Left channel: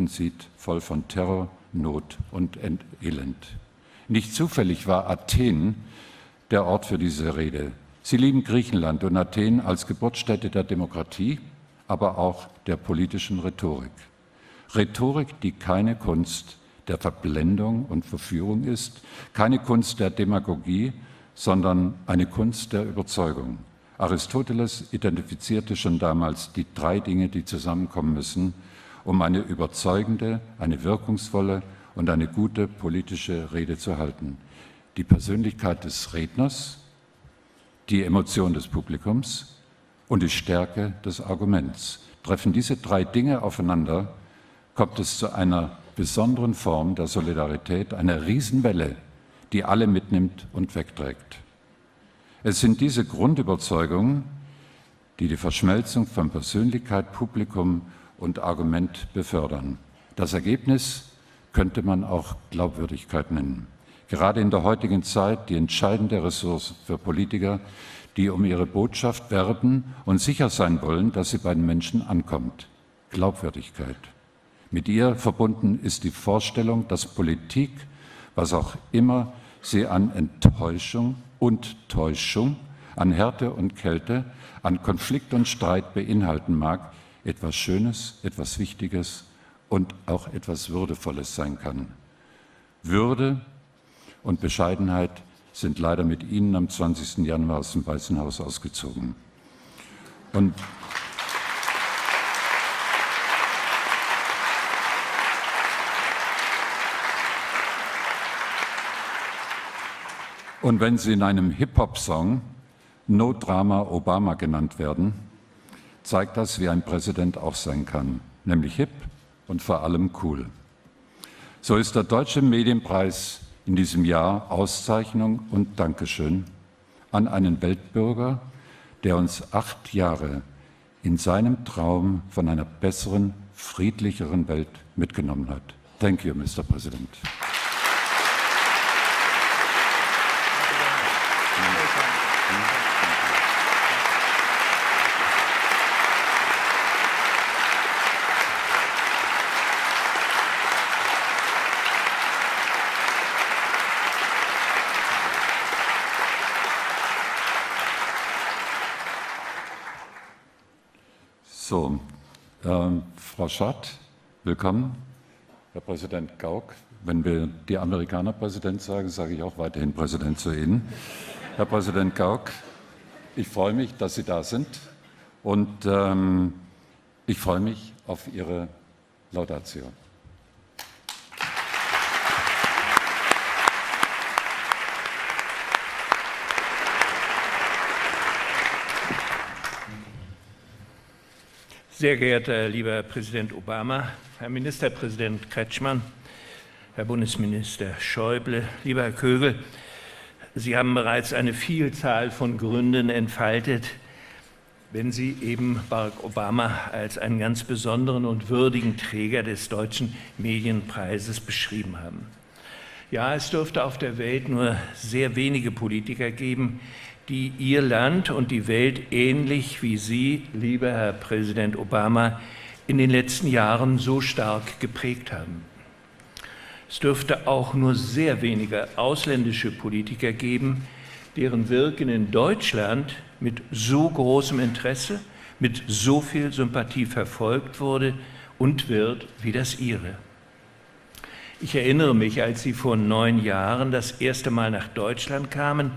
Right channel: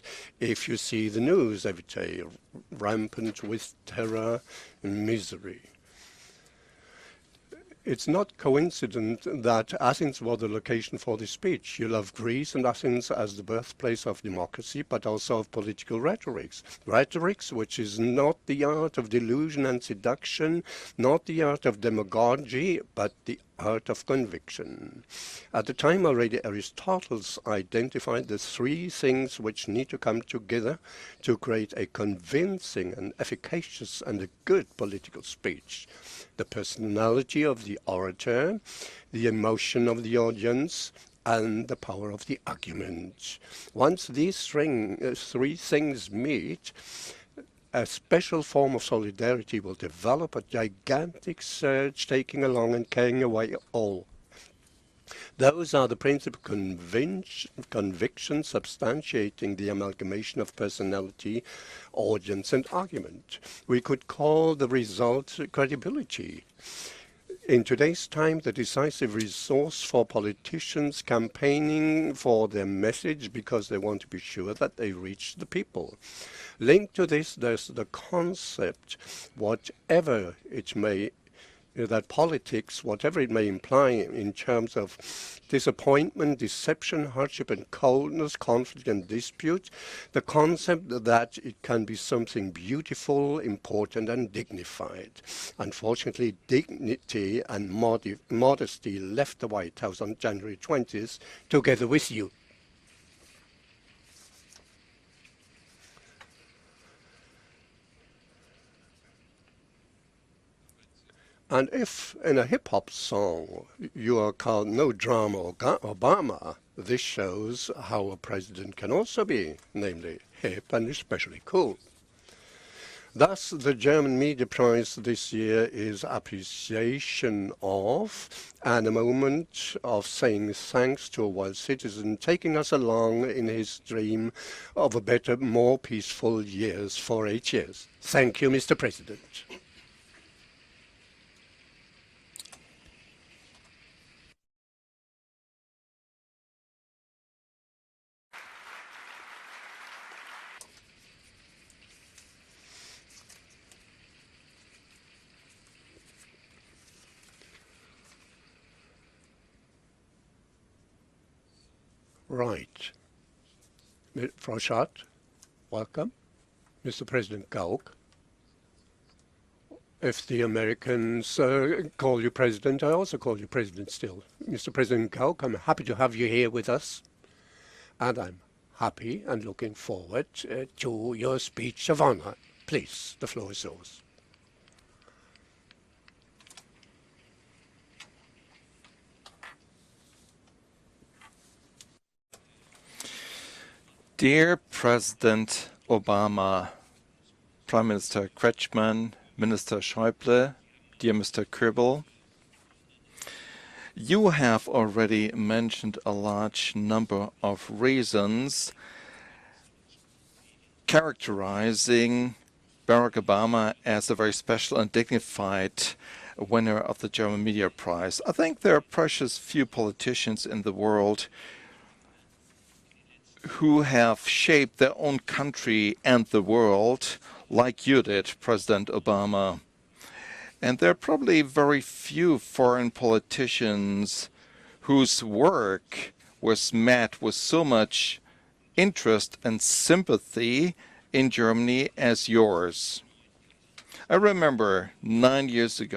Heldensieg voll von Terror, Not und Elend. Nicht zufällig war Athen der Ort für diese Rede. Sie lieben Griechenland und Athen als Geburtsstätte der Demokratie, aber auch der politischen Rhetorik. Rhetorik, die keine Kunst der Verblendung und Verführung ist, keine Kunst der Demagogie, sondern eine Kunst der Überzeugung. Aristoteles identifizierte schon damals die drei Dinge, die zusammenkommen müssen, um eine überzeugende, eine wirkungsvolle und eine gute politische Rede zu halten. Die Persönlichkeit des Redners, die Emotion des Publikums und die Stärke des Arguments. Treffen diese drei Dinge aufeinander, kommt es zu einer besonderen Form der Solidarität, einer Riesenwelle, die alle mitnimmt und wegträgt. Es sind diese Grundüberzeugungen, die die Verschmelzung von Persönlichkeit, Publikum und Argument befördern. Das Ergebnis könnte man auch Glaubwürdigkeit nennen. Gerade in der heutigen Zeit die entscheidende Ressource für Politiker, die um ihre Botschaft werben und sicher sein wollen, dass sie bei den Menschen ankommt. Glaubwürdigkeit. Mit ihr verbunden ist die Vorstellung, dass Politik, was auch immer sie an Enttäuschung und Täuschung, an Härte und Kälte, an Konflikt und Streit beinhalten mag, etwas Schönes, etwas Wichtiges und auch etwas Würdevolles sein kann. Würde und Bescheidenheit sind leider mit Ihnen am 20. Januar aus dem Weißen Haus ausgezogen. Und wenn Sie in einem Hip-Hop-Song No Drama Obama genannt werden, zeigt das, wie ein Präsident auch sein kann, nämlich hip und vor allem cool. So ist der Deutsche Medienpreis in diesem Jahr Auszeichnung und Dankeschön an einen Weltbürger, der uns 8 Jahre in seinem Traum von einer besseren, friedlicheren Welt mitgenommen hat. Thank you, Mr. President. Thank you, Mr. President. So, Frau Schad, willkommen. Herr Präsident Gauck, wenn wir die Amerikaner Präsident sagen, sage ich auch weiterhin Präsident zu Ihnen. Herr Präsident Gauck, ich freue mich, dass Sie da sind und ich freue mich auf Ihre Laudatio. Sehr geehrter lieber Präsident Obama, Herr Ministerpräsident Kretschmann, Herr Bundesminister Schäuble, lieber Herr Kögel, Sie haben bereits eine Vielzahl von Gründen entfaltet, wenn Sie eben Barack Obama als einen ganz besonderen und würdigen Träger des Deutschen Medienpreises beschrieben haben. Ja, es dürfte auf der Welt nur sehr wenige Politiker geben, die Ihr Land und die Welt ähnlich wie Sie, lieber Herr Präsident Obama, in den letzten Jahren so stark geprägt haben. Es dürfte auch nur sehr wenige ausländische Politiker geben, deren Wirken in Deutschland mit so großem Interesse, mit so viel Sympathie verfolgt wurde und wird wie das Ihre. Ich erinnere mich, als Sie vor 9 Jahren das erste Mal nach Deutschland kamen,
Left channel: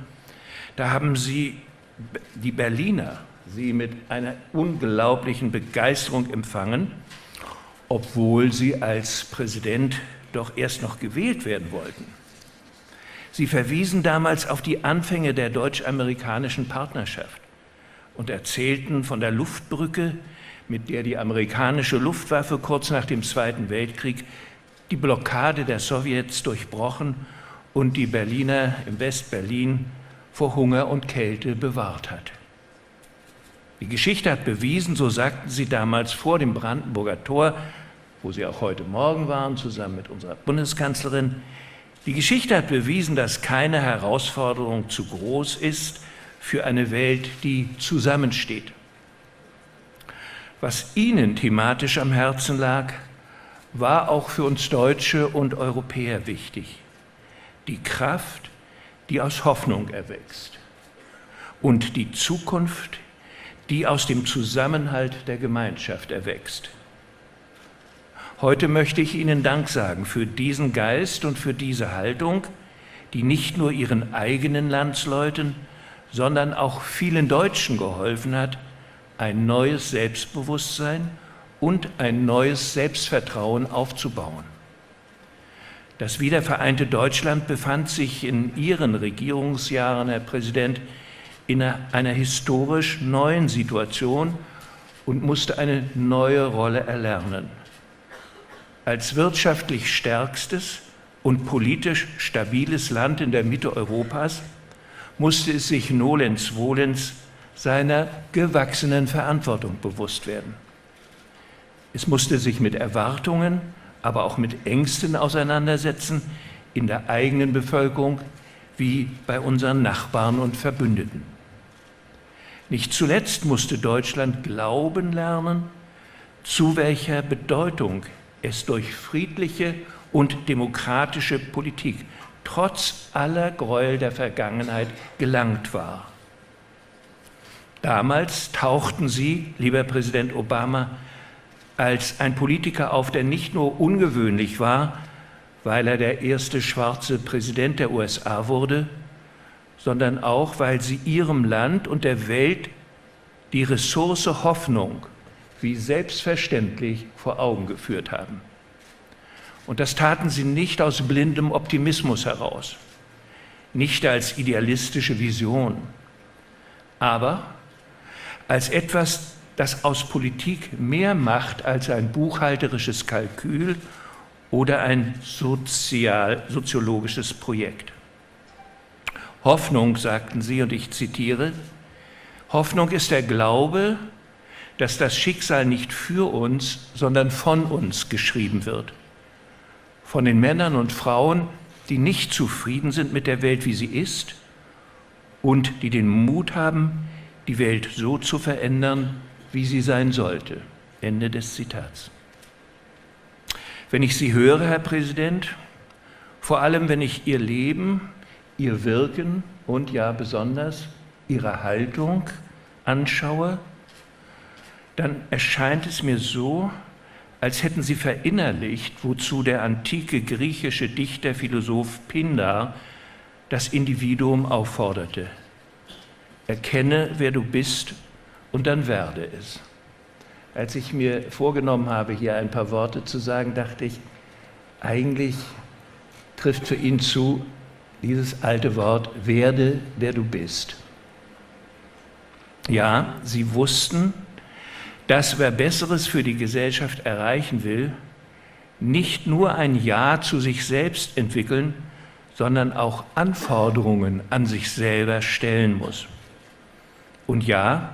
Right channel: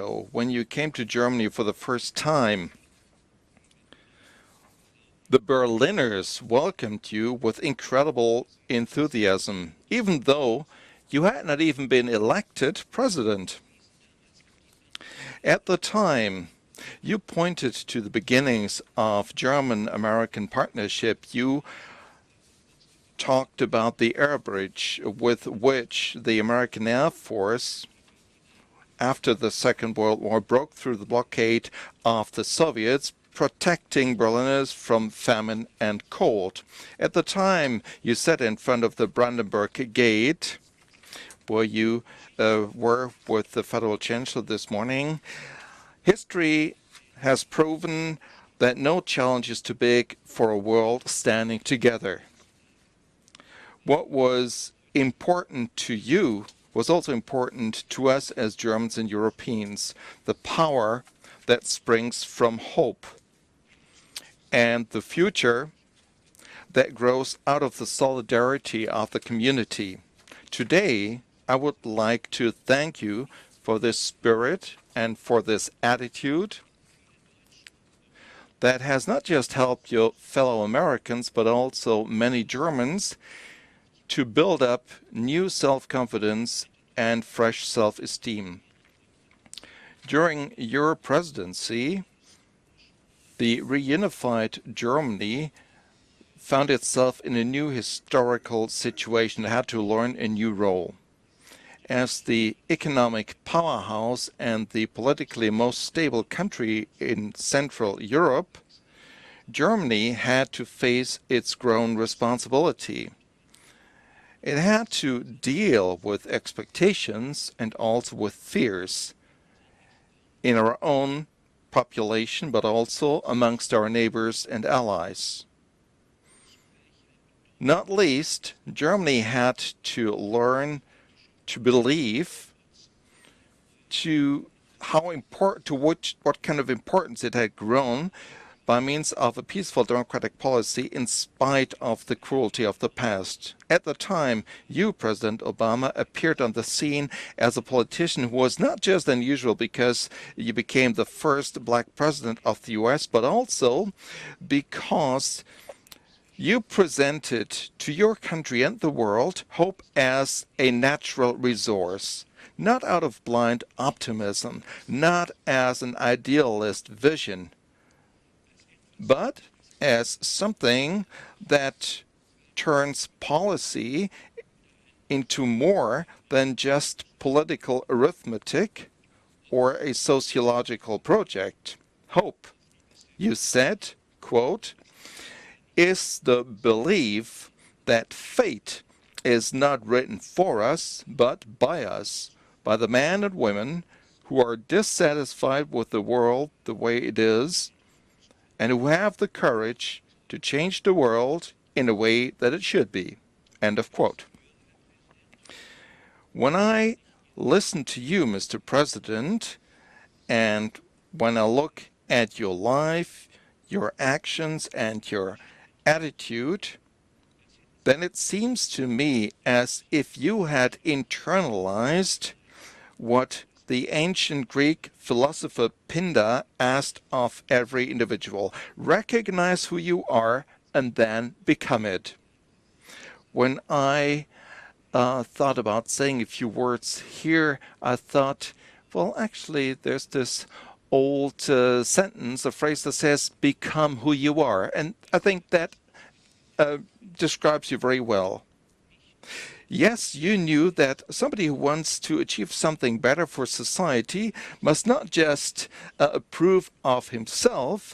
da haben Sie die Berliner Sie mit einer unglaublichen Begeisterung empfangen, obwohl Sie als Präsident doch erst noch gewählt werden wollten. Sie verwiesen damals auf die Anfänge der deutsch-amerikanischen Partnerschaft und erzählten von der Luftbrücke, mit der die amerikanische Luftwaffe kurz nach dem Zweiten Weltkrieg die Blockade der Sowjets durchbrochen und die Berliner im West-Berlin vor Hunger und Kälte bewahrt hat. Die Geschichte hat bewiesen, so sagten Sie damals vor dem Brandenburger Tor, wo Sie auch heute Morgen waren, zusammen mit der Bundeskanzlerin, die Geschichte hat bewiesen, dass keine Herausforderung zu groß ist für eine Welt, die zusammensteht. Was Ihnen thematisch am Herzen lag, war auch für uns Deutsche und Europäer wichtig. Die Kraft, die aus Hoffnung erwächst. Und die Zukunft, die aus dem Zusammenhalt der Gemeinschaft erwächst. Heute möchte ich Ihnen Dank sagen für diesen Geist und für diese Haltung, die nicht nur Ihren eigenen Landsleuten, sondern auch vielen Deutschen geholfen hat, ein neues Selbstbewusstsein und ein neues Selbstvertrauen aufzubauen. Das wiedervereinte Deutschland befand sich in Ihren Regierungsjahren, Herr Präsident, in einer historisch neuen Situation und musste eine neue Rolle erlernen. Als wirtschaftlich stärkstes und politisch stabiles Land in der Mitte Europas musste es sich nolens volens seiner gewachsenen Verantwortung bewusst werden. Es musste sich mit Erwartungen, aber auch mit Ängsten auseinandersetzen, in der eigenen Bevölkerung wie bei unseren Nachbarn und Verbündeten. Nicht zuletzt musste Deutschland glauben lernen, zu welcher Bedeutung es durch friedliche und demokratische Politik trotz aller Gräuel der Vergangenheit gelangt war. Damals tauchten Sie, lieber Präsident Obama, als ein Politiker auf, der nicht nur ungewöhnlich war, weil er der erste schwarze Präsident der USA wurde, sondern auch, weil Sie Ihrem Land und der Welt die Ressource Hoffnung wie selbstverständlich vor Augen geführt haben. Und das taten Sie nicht aus blindem Optimismus heraus, nicht als idealistische Vision, aber als etwas, das aus Politik mehr macht als ein buchhalterisches Kalkül oder ein soziologisches Projekt. Hoffnung, sagte sie, und ich zitiere, Hoffnung ist der Glaube, dass das Schicksal nicht für uns, sondern von uns geschrieben wird. Von den Männern und Frauen, die nicht zufrieden sind mit der Welt, wie sie ist, und die den Mut haben, die Welt so zu verändern, wie sie sein sollte. Ende des Zitats. Wenn ich Sie höre, Herr Präsident, vor allem wenn ich Ihr Leben, Ihr Wirken und ja besonders Ihre Haltung anschaue, dann erscheint es mir so, als hätten Sie verinnerlicht, wozu der antike griechische Dichter, Philosoph Pindar das Individuum aufforderte. Erkenne, wer du bist, und dann werde es. Als ich mir vorgenommen habe, hier ein paar Worte zu sagen, dachte ich, eigentlich trifft für ihn zu dieses alte Wort, werde, der du bist. Ja, sie wussten, dass wer Besseres für die Gesellschaft erreichen will, nicht nur ein Ja zu sich selbst entwickeln, sondern auch Anforderungen an sich selber stellen muss. Und ja,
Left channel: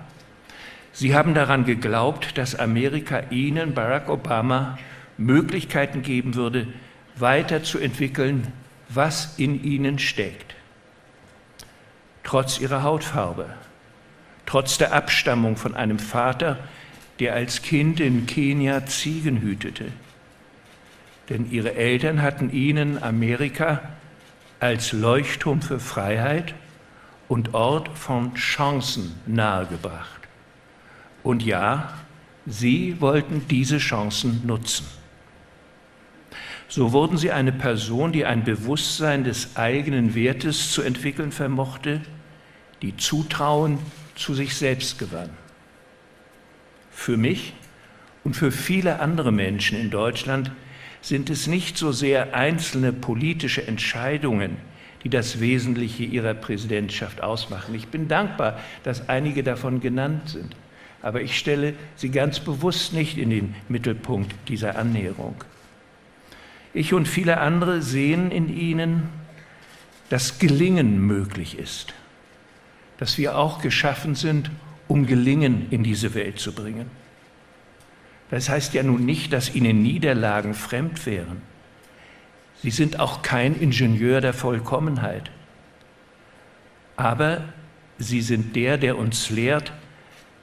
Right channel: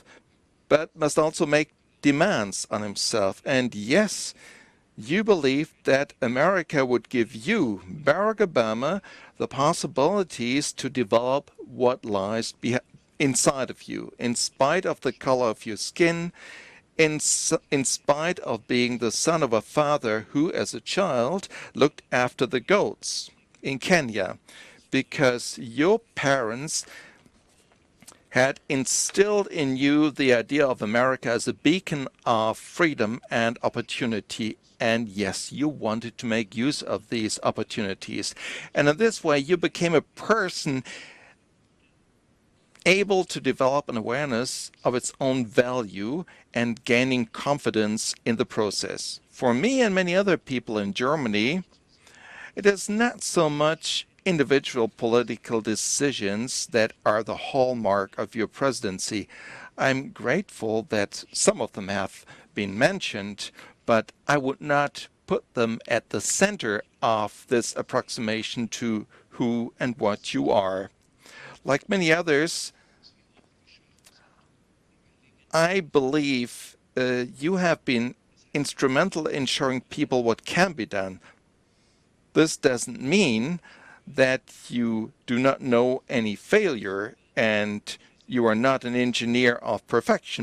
Sie haben daran geglaubt, dass Amerika Ihnen, Barack Obama, Möglichkeiten geben würde, weiterzuentwickeln, was in Ihnen steckt, trotz Ihrer Hautfarbe, trotz der Abstammung von einem Vater, der als Kind in Kenia Ziegen hütete. Denn Ihre Eltern hatten Ihnen Amerika als Leuchtturm für Freiheit und Ort von Chancen nahegebracht. Und ja, Sie wollten diese Chancen nutzen. So wurden Sie eine Person, die ein Bewusstsein des eigenen Wertes zu entwickeln vermochte, die Zutrauen zu sich selbst gewann. Für mich und für viele andere Menschen in Deutschland sind es nicht so sehr einzelne politische Entscheidungen, die das Wesentliche Ihrer Präsidentschaft ausmachen. Ich bin dankbar, dass einige davon genannt sind, aber ich stelle sie ganz bewusst nicht in den Mittelpunkt dieser Annäherung. Ich und viele andere sehen in ihnen, dass Gelingen möglich ist, dass wir auch geschaffen sind, um Gelingen in diese Welt zu bringen. Das heißt ja nun nicht, dass Ihnen Niederlagen fremd wären. Sie sind auch kein Ingenieur der Vollkommenheit. Aber Sie sind der uns lehrt,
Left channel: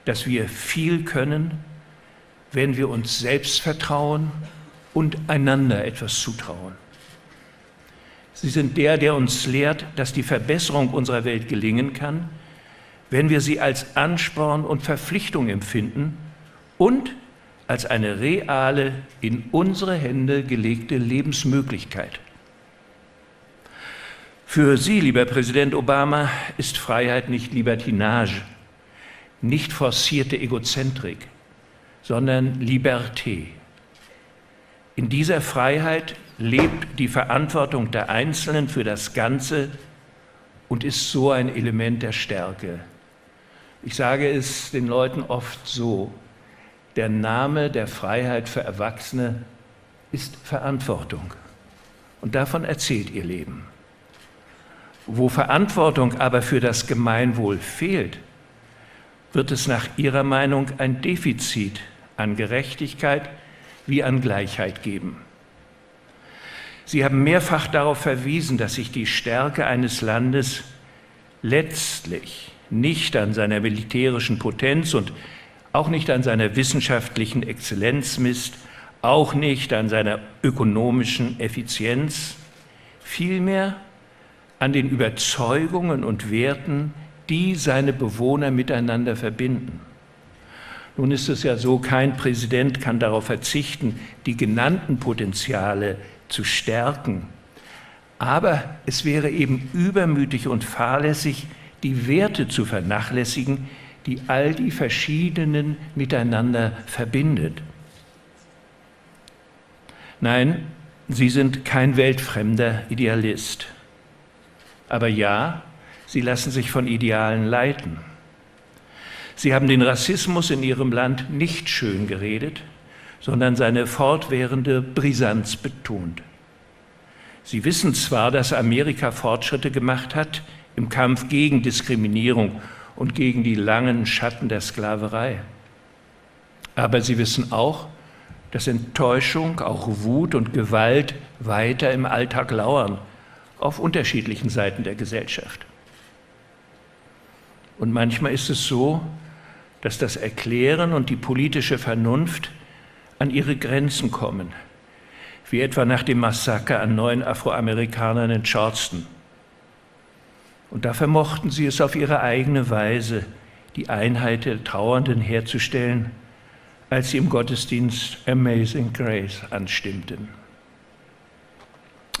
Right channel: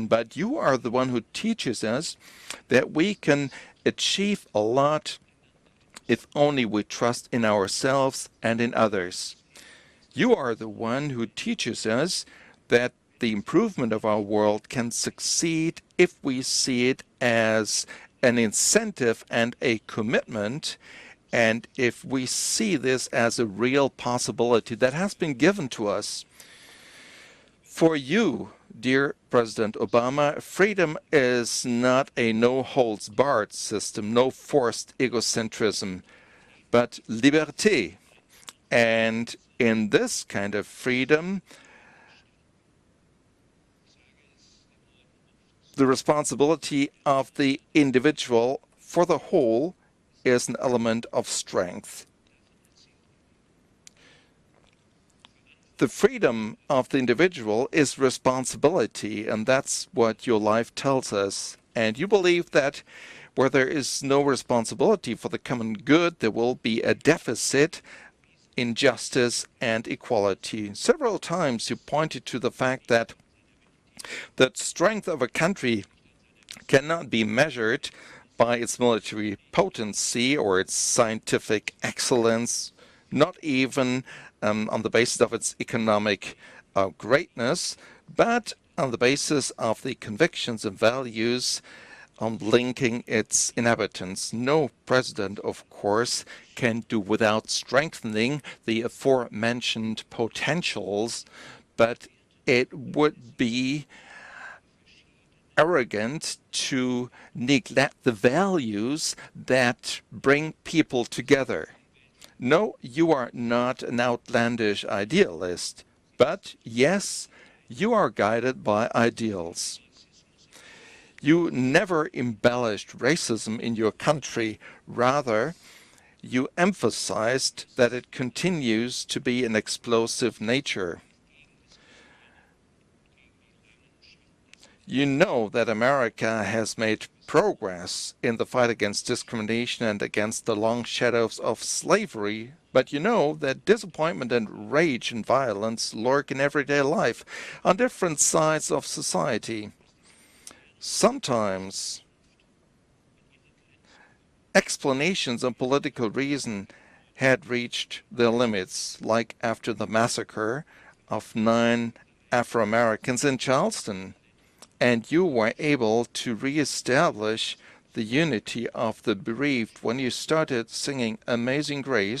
dass wir viel können, wenn wir uns selbst vertrauen und einander etwas zutrauen. Sie sind der uns lehrt, dass die Verbesserung unserer Welt gelingen kann, wenn wir sie als Ansporn und Verpflichtung empfinden und als eine reale, in unsere Hände gelegte Lebensmöglichkeit. Für Sie, lieber Präsident Obama, ist Freiheit nicht Libertinage, nicht forcierte Egozentrik, sondern Liberté. In dieser Freiheit lebt die Verantwortung der Einzelnen für das Ganze und ist so ein Element der Stärke. Ich sage es den Leuten oft so, der Name der Freiheit für Erwachsene ist Verantwortung. Und davon erzählt ihr Leben. Wo Verantwortung aber für das Gemeinwohl fehlt, wird es nach Ihrer Meinung ein Defizit an Gerechtigkeit wie an Gleichheit geben. Sie haben mehrfach darauf verwiesen, dass sich die Stärke eines Landes letztlich nicht an seiner militärischen Potenz und auch nicht an seiner wissenschaftlichen Exzellenz misst, auch nicht an seiner ökonomischen Effizienz, vielmehr an den Überzeugungen und Werten, die seine Bewohner miteinander verbinden. Nun ist es ja so, kein Präsident kann darauf verzichten, die genannten Potenziale zu stärken, aber es wäre eben übermütig und fahrlässig, die Werte zu vernachlässigen, die all die verschiedenen miteinander verbindet. Nein, Sie sind kein weltfremder Idealist. Aber ja, Sie lassen sich von Idealen leiten. Sie haben den Rassismus in Ihrem Land nicht schön geredet, sondern seine fortwährende Brisanz betont. Sie wissen zwar, dass Amerika Fortschritte gemacht hat im Kampf gegen Diskriminierung und gegen die langen Schatten der Sklaverei. Aber Sie wissen auch, dass Enttäuschung, auch Wut und Gewalt weiter im Alltag lauern, auf unterschiedlichen Seiten der Gesellschaft. Und manchmal ist es so, dass das Erklären und die politische Vernunft an ihre Grenzen kommen, wie etwa nach dem Massaker an 9 Afroamerikanern in Charleston. Und da vermochten sie es auf ihre eigene Weise, die Einheit der Trauernden herzustellen, als sie im Gottesdienst Amazing Grace anstimmten.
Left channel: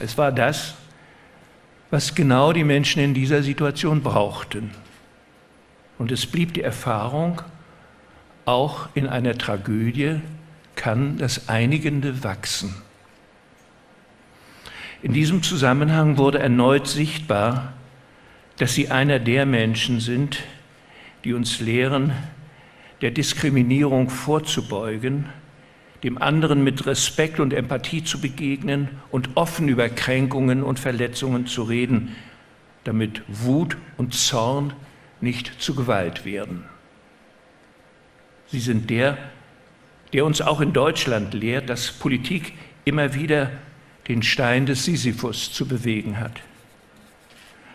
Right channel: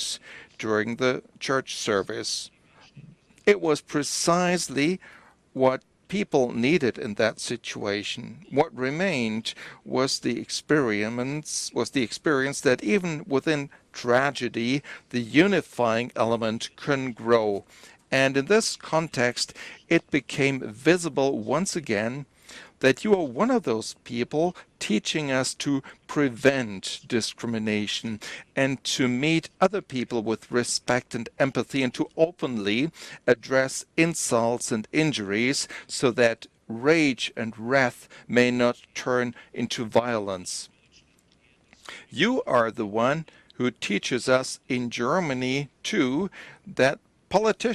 Es war das, was genau die Menschen in dieser Situation brauchten. Und es blieb die Erfahrung, auch in einer Tragödie kann das Einigende wachsen. In diesem Zusammenhang wurde erneut sichtbar, dass Sie einer der Menschen sind, die uns lehren, der Diskriminierung vorzubeugen, dem anderen mit Respekt und Empathie zu begegnen und offen über Kränkungen und Verletzungen zu reden, damit Wut und Zorn nicht zu Gewalt werden. Sie sind der uns auch in Deutschland lehrt, dass Politik immer wieder den Stein des Sisyphus zu bewegen hat.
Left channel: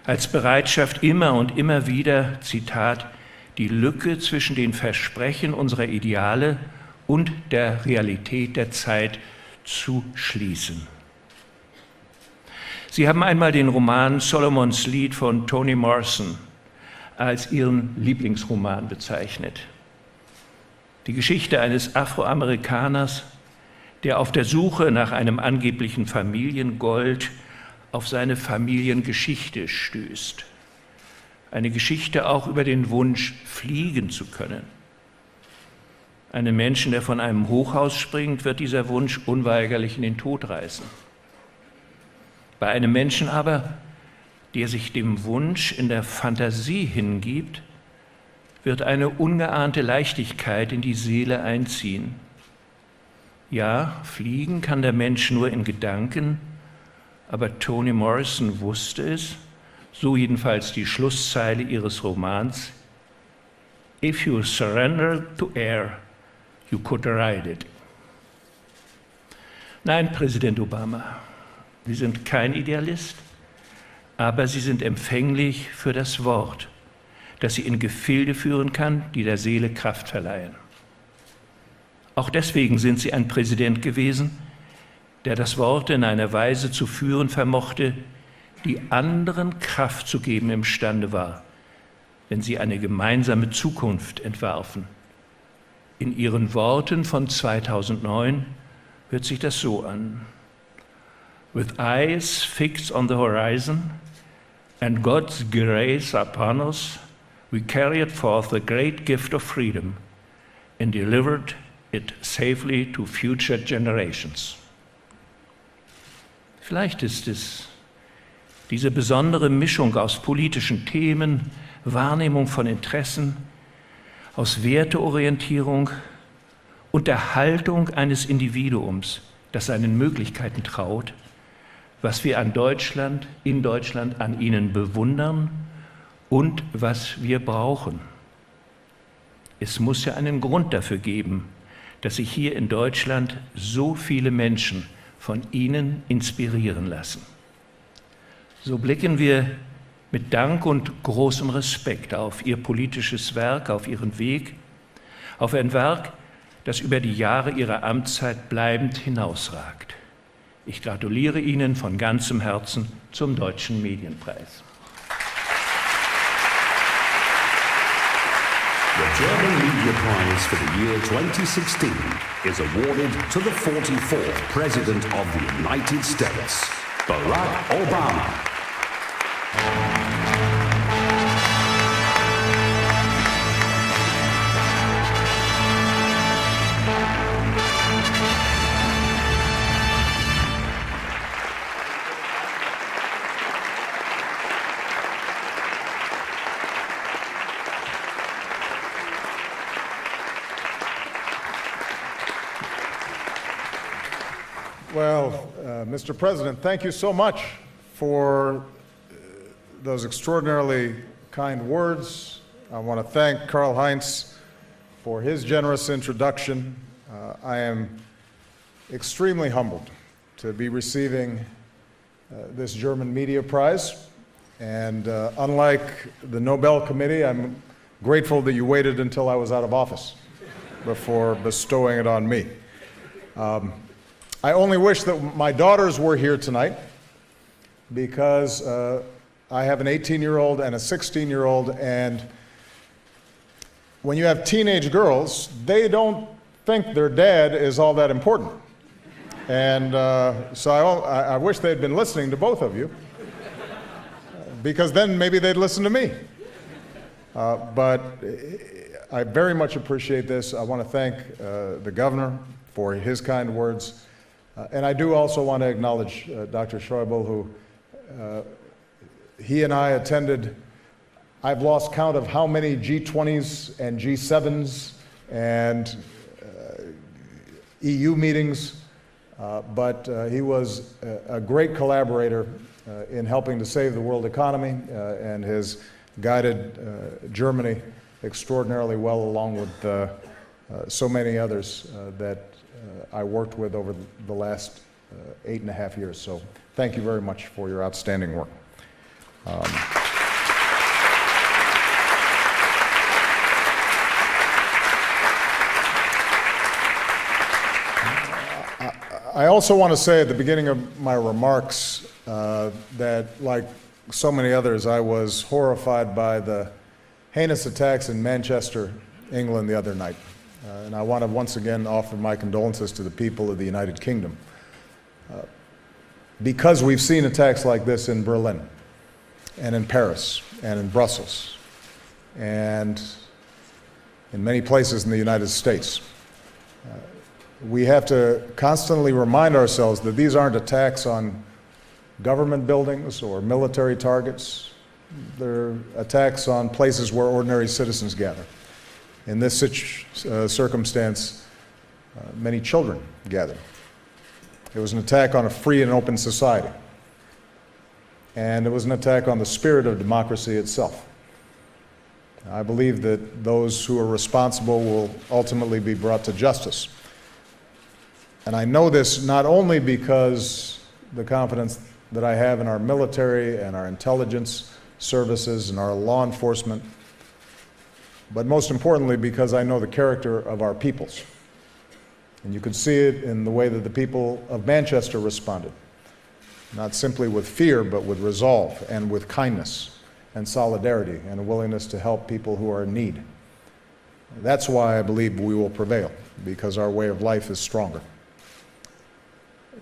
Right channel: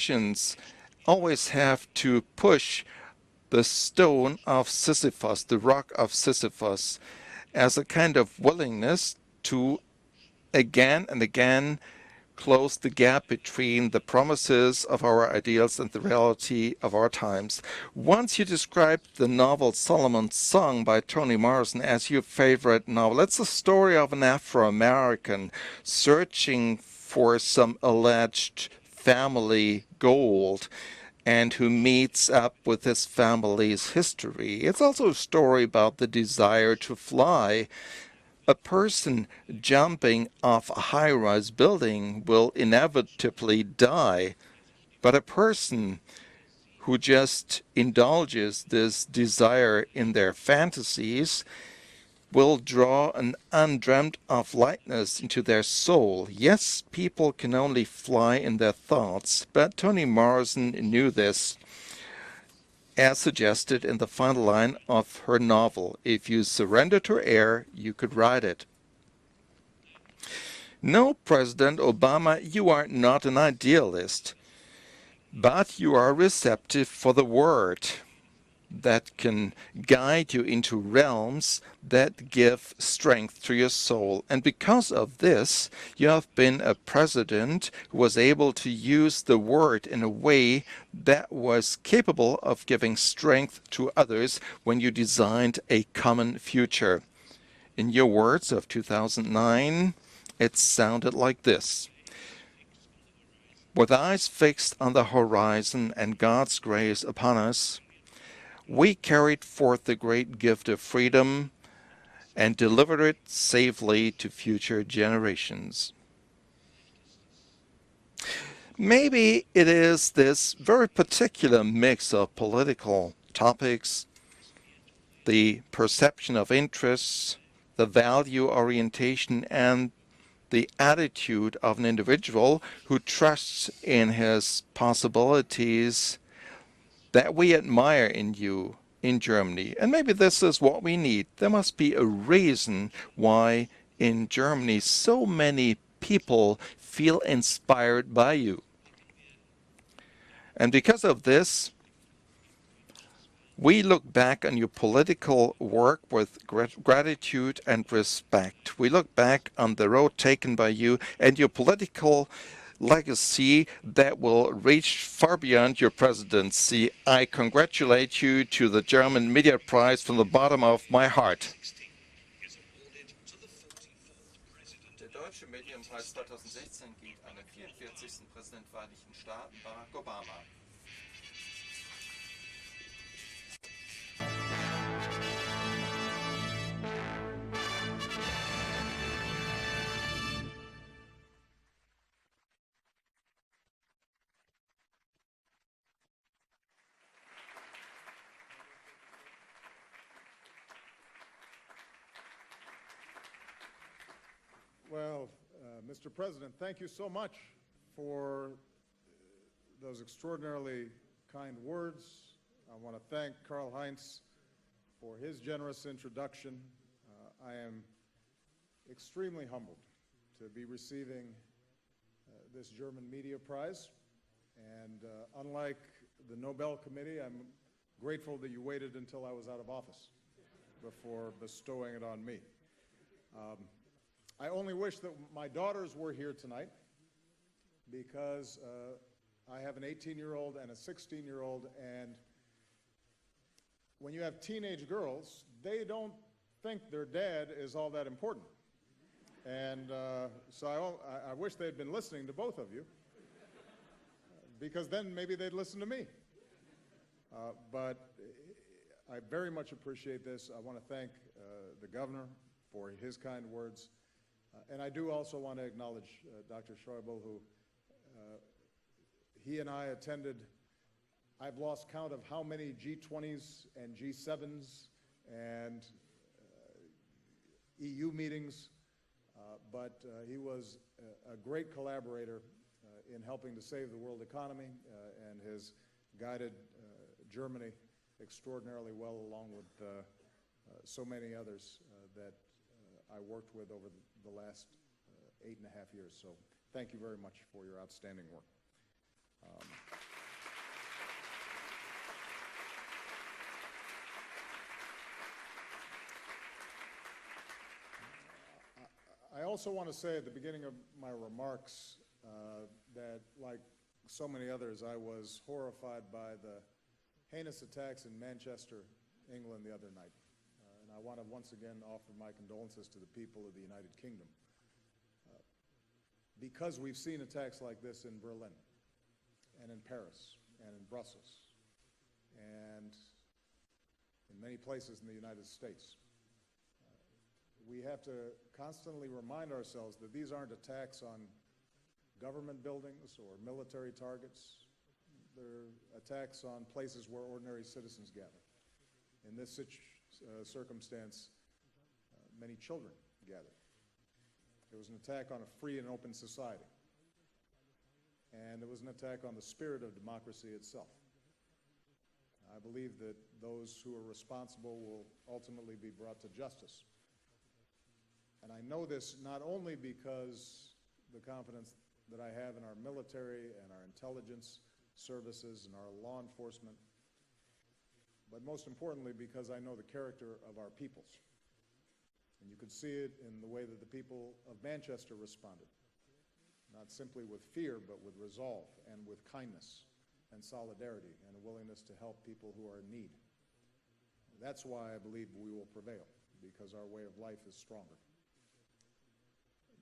Als Bereitschaft immer und immer wieder, Zitat, die Lücke zwischen den Versprechen unserer Ideale und der Realität der Zeit zu schließen. Sie haben einmal den Roman Solomon's Lied von Toni Morrison als Ihren Lieblingsroman bezeichnet. Die Geschichte eines Afroamerikaners, der auf der Suche nach einem angeblichen Familiengold auf seine Familiengeschichte stößt. Eine Geschichte auch über den Wunsch, fliegen zu können. Einem Menschen, der von einem Hochhaus springt, wird dieser Wunsch unweigerlich in den Tod reißen. Bei einem Menschen aber, der sich dem Wunsch in der Fantasie hingibt, wird eine ungeahnte Leichtigkeit in die Seele einziehen. Ja, fliegen kann der Mensch nur in Gedanken, aber Toni Morrison wusste es, so jedenfalls die Schlusszeile ihres Romans, If you surrender to air, you could ride it. Nein, Präsident Obama, Sie sind kein Idealist, aber Sie sind empfänglich für das Wort, das Sie in Gefilde führen kann, die der Seele Kraft verleihen. Auch deswegen sind Sie ein Präsident gewesen, der das Wort in einer Weise zu führen vermochte, die anderen Kraft zu geben imstande war, wenn Sie eine gemeinsame Zukunft entwarfen. In Ihren Worten von 2009 hört sich das so an. With eyes fixed on the horizon and God's grace upon us, we carried forth the great gift of freedom and delivered it safely to future generations. Vielleicht ist es diese besondere Mischung aus politischen Themen, Wahrnehmung von Interessen, aus Werteorientierung und der Haltung eines Individuums, das seinen Möglichkeiten traut, was wir an Deutschland, in Deutschland an Ihnen bewundern und was wir brauchen. Es muss ja einen Grund dafür geben, dass sich hier in Deutschland so viele Menschen von Ihnen inspirieren lassen. So blicken wir mit Dank und großem Respekt auf Ihr politisches Werk, auf Ihren Weg, auf ein Werk, das über die Jahre Ihrer Amtszeit bleibend hinausragt. Ich gratuliere Ihnen von ganzem Herzen zum Deutschen Medienpreis. Is awarded to the 44th President of the United States, Barack Obama. Well, Mr. President, thank you so much for those extraordinarily kind words. I want to thank Karl-Heinz for his generous introduction. I am extremely humbled to be receiving this German Media Prize. And unlike the Nobel Committee, I'm grateful that you waited until I was out of office before bestowing it on me. I only wish that my daughters were here tonight, because I have an 18-year-old and a 16-year-old, and when you have teenage girls, they don't think their dad is all that important. And so I wish they'd been listening to both of you, because then maybe they'd listen to me. But I very much appreciate this. I want to thank the governor for his kind words. And I do also want to acknowledge Dr. Schäuble, who he and I attended, I've lost count of how many G20s and G7s and EU meetings, but he was a great collaborator in helping to save the world economy and has guided Germany extraordinarily well, along with so many others that I worked with over the last 8.5 years. So thank you very much for your outstanding work. I also want to say at the beginning of my remarks that, like so many others, I was horrified by the heinous attacks in Manchester, England the other night. And I want to once again offer my condolences to the people of the United Kingdom, because we've seen attacks like this in Berlin and in Paris and in Brussels and in many places in the United States. We have to constantly remind ourselves that these aren't attacks on government buildings or military targets. They're attacks on places where ordinary citizens gather. In this circumstance, many children gathered. It was an attack on a free and open society. And it was an attack on the spirit of democracy itself. I believe that those who are responsible will ultimately be brought to justice. And I know this not only because the confidence that I have in our military and our intelligence services and our law enforcement, but most importantly because I know the character of our peoples. And you could see it in the way that the people of Manchester responded, not simply with fear, but with resolve and with kindness and solidarity and a willingness to help people who are in need. That's why I believe we will prevail, because our way of life is stronger.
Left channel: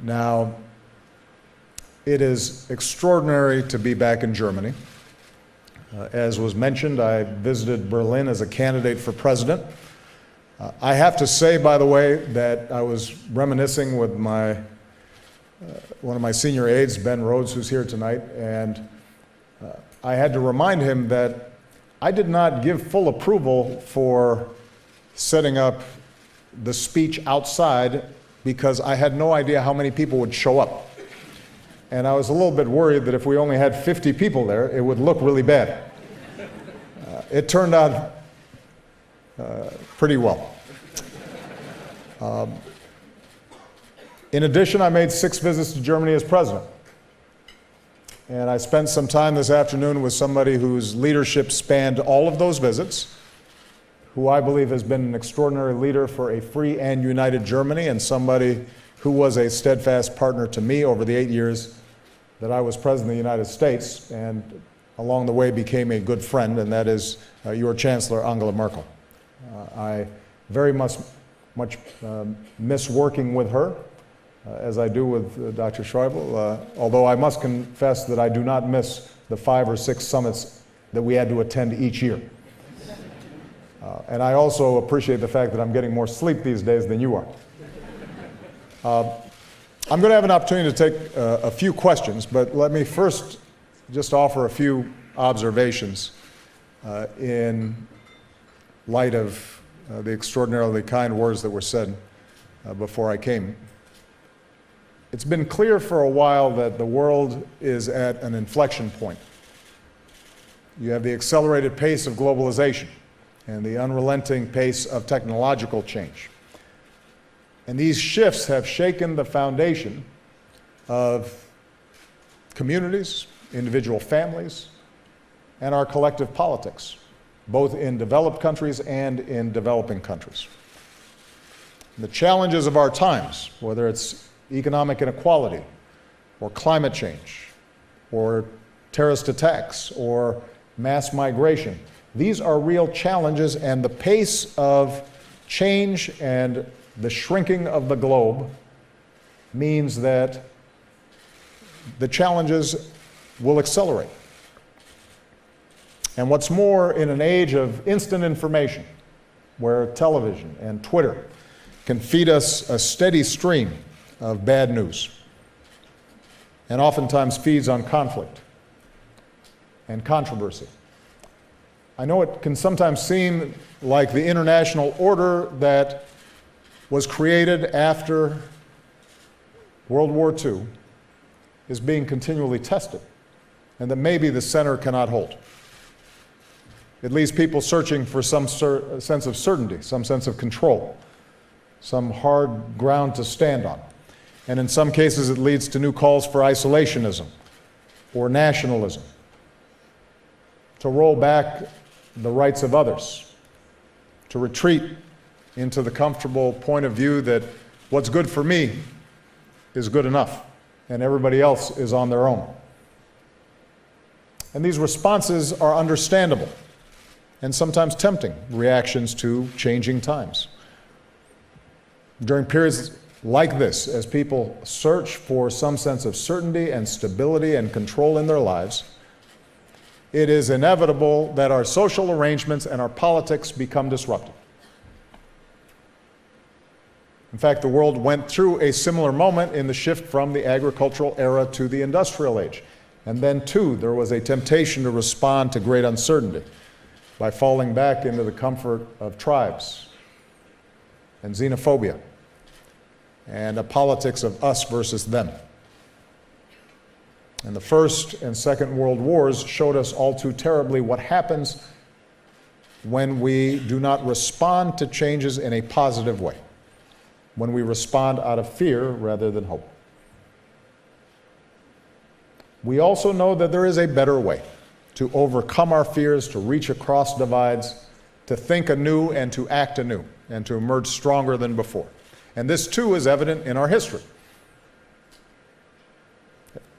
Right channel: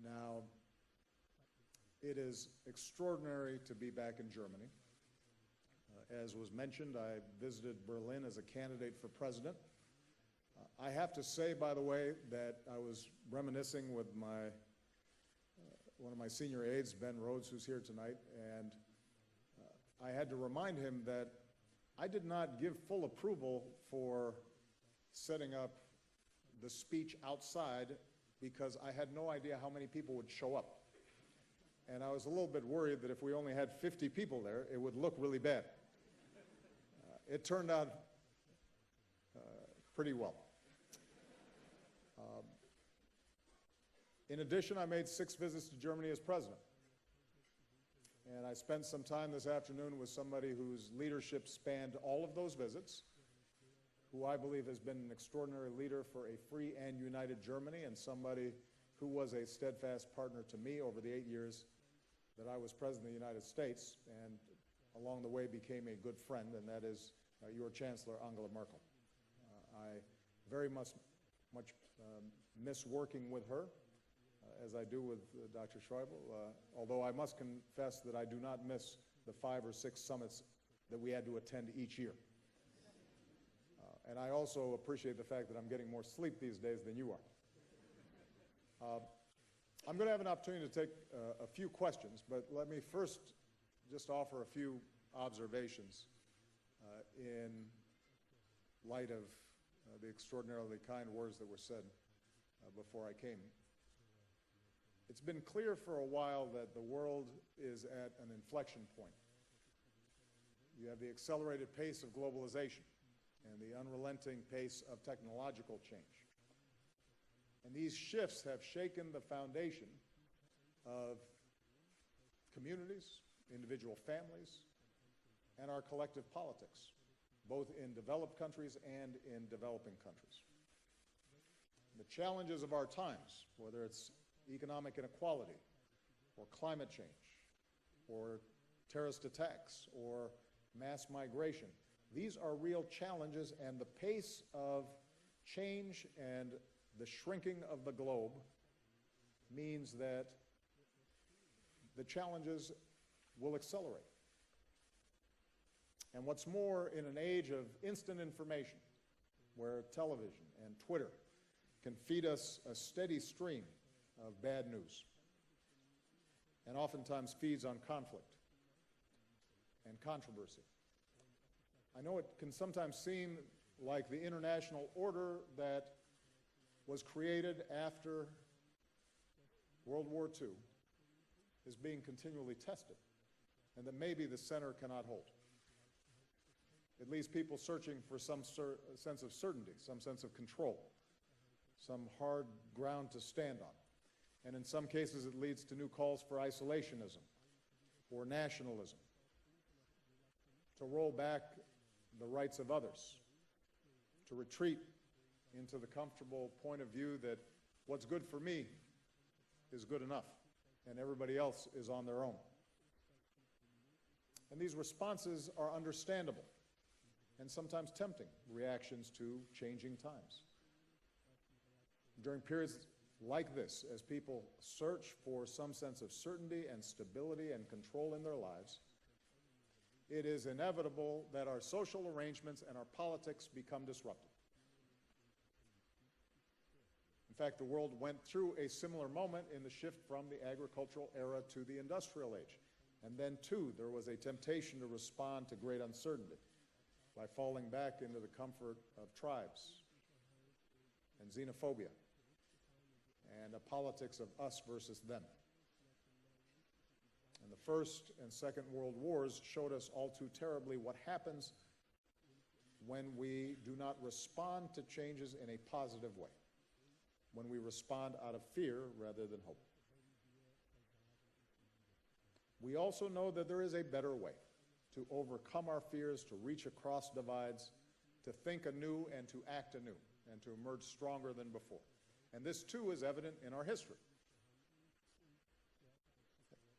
Now, it is extraordinary to be back in Germany. As was mentioned, I visited Berlin as a candidate for president. I have to say, by the way, that I was reminiscing with one of my senior aides, Ben Rhodes, who's here tonight, and I had to remind him that I did not give full approval for setting up the speech outside because I had no idea how many people would show up. And I was a little bit worried that if we only had 50 people there, it would look really bad. It turned out pretty well. In addition, I made 6 visits to Germany as president. And I spent some time this afternoon with somebody whose leadership spanned all of those visits, who I believe has been an extraordinary leader for a free and united Germany, and somebody who was a steadfast partner to me over the 8 years that I was president of the United States, and along the way became a good friend, and that is your Chancellor, Angela Merkel. I very much miss working with her, as I do with Dr. Schäuble, although I must confess that I do not miss the 5 or 6 summits that we had to attend each year. And I also appreciate the fact that I'm getting more sleep these days than you are. I'm going to have an opportunity to take a few questions, but let me first just offer a few observations in light of the extraordinarily kind words that were said before I came. It's been clear for a while that the world is at an inflection point. You have the accelerated pace of globalization and the unrelenting pace of technological change. And these shifts have shaken the foundation of communities, individual families, and our collective politics, both in developed countries and in developing countries. The challenges of our times, whether it's economic inequality, or climate change, or terrorist attacks, or mass migration, these are real challenges, and the pace of change and the shrinking of the globe means that the challenges will accelerate. And what's more, in an age of instant information, where television and Twitter can feed us a steady stream of bad news, and oftentimes feeds on conflict and controversy. I know it can sometimes seem like the international order that was created after World War II is being continually tested, and that maybe the center cannot hold. It leaves people searching for some sense of certainty, some sense of control, some hard ground to stand on. And in some cases, it leads to new calls for isolationism or nationalism, to roll back the rights of others, to retreat into the comfortable point of view that what's good for me is good enough, and everybody else is on their own. And these responses are understandable and sometimes tempting reactions to changing times. During periods like this, as people search for some sense of certainty and stability and control in their lives, it is inevitable that our social arrangements and our politics become disrupted. In fact, the world went through a similar moment in the shift from the agricultural era to the industrial age. And then, too, there was a temptation to respond to great uncertainty by falling back into the comfort of tribes and xenophobia and a politics of us versus them. And the First and Second World Wars showed us all too terribly what happens when we do not respond to changes in a positive way, when we respond out of fear rather than hope. We also know that there is a better way to overcome our fears, to reach across divides, to think anew and to act anew, and to emerge stronger than before. And this too is evident in our history.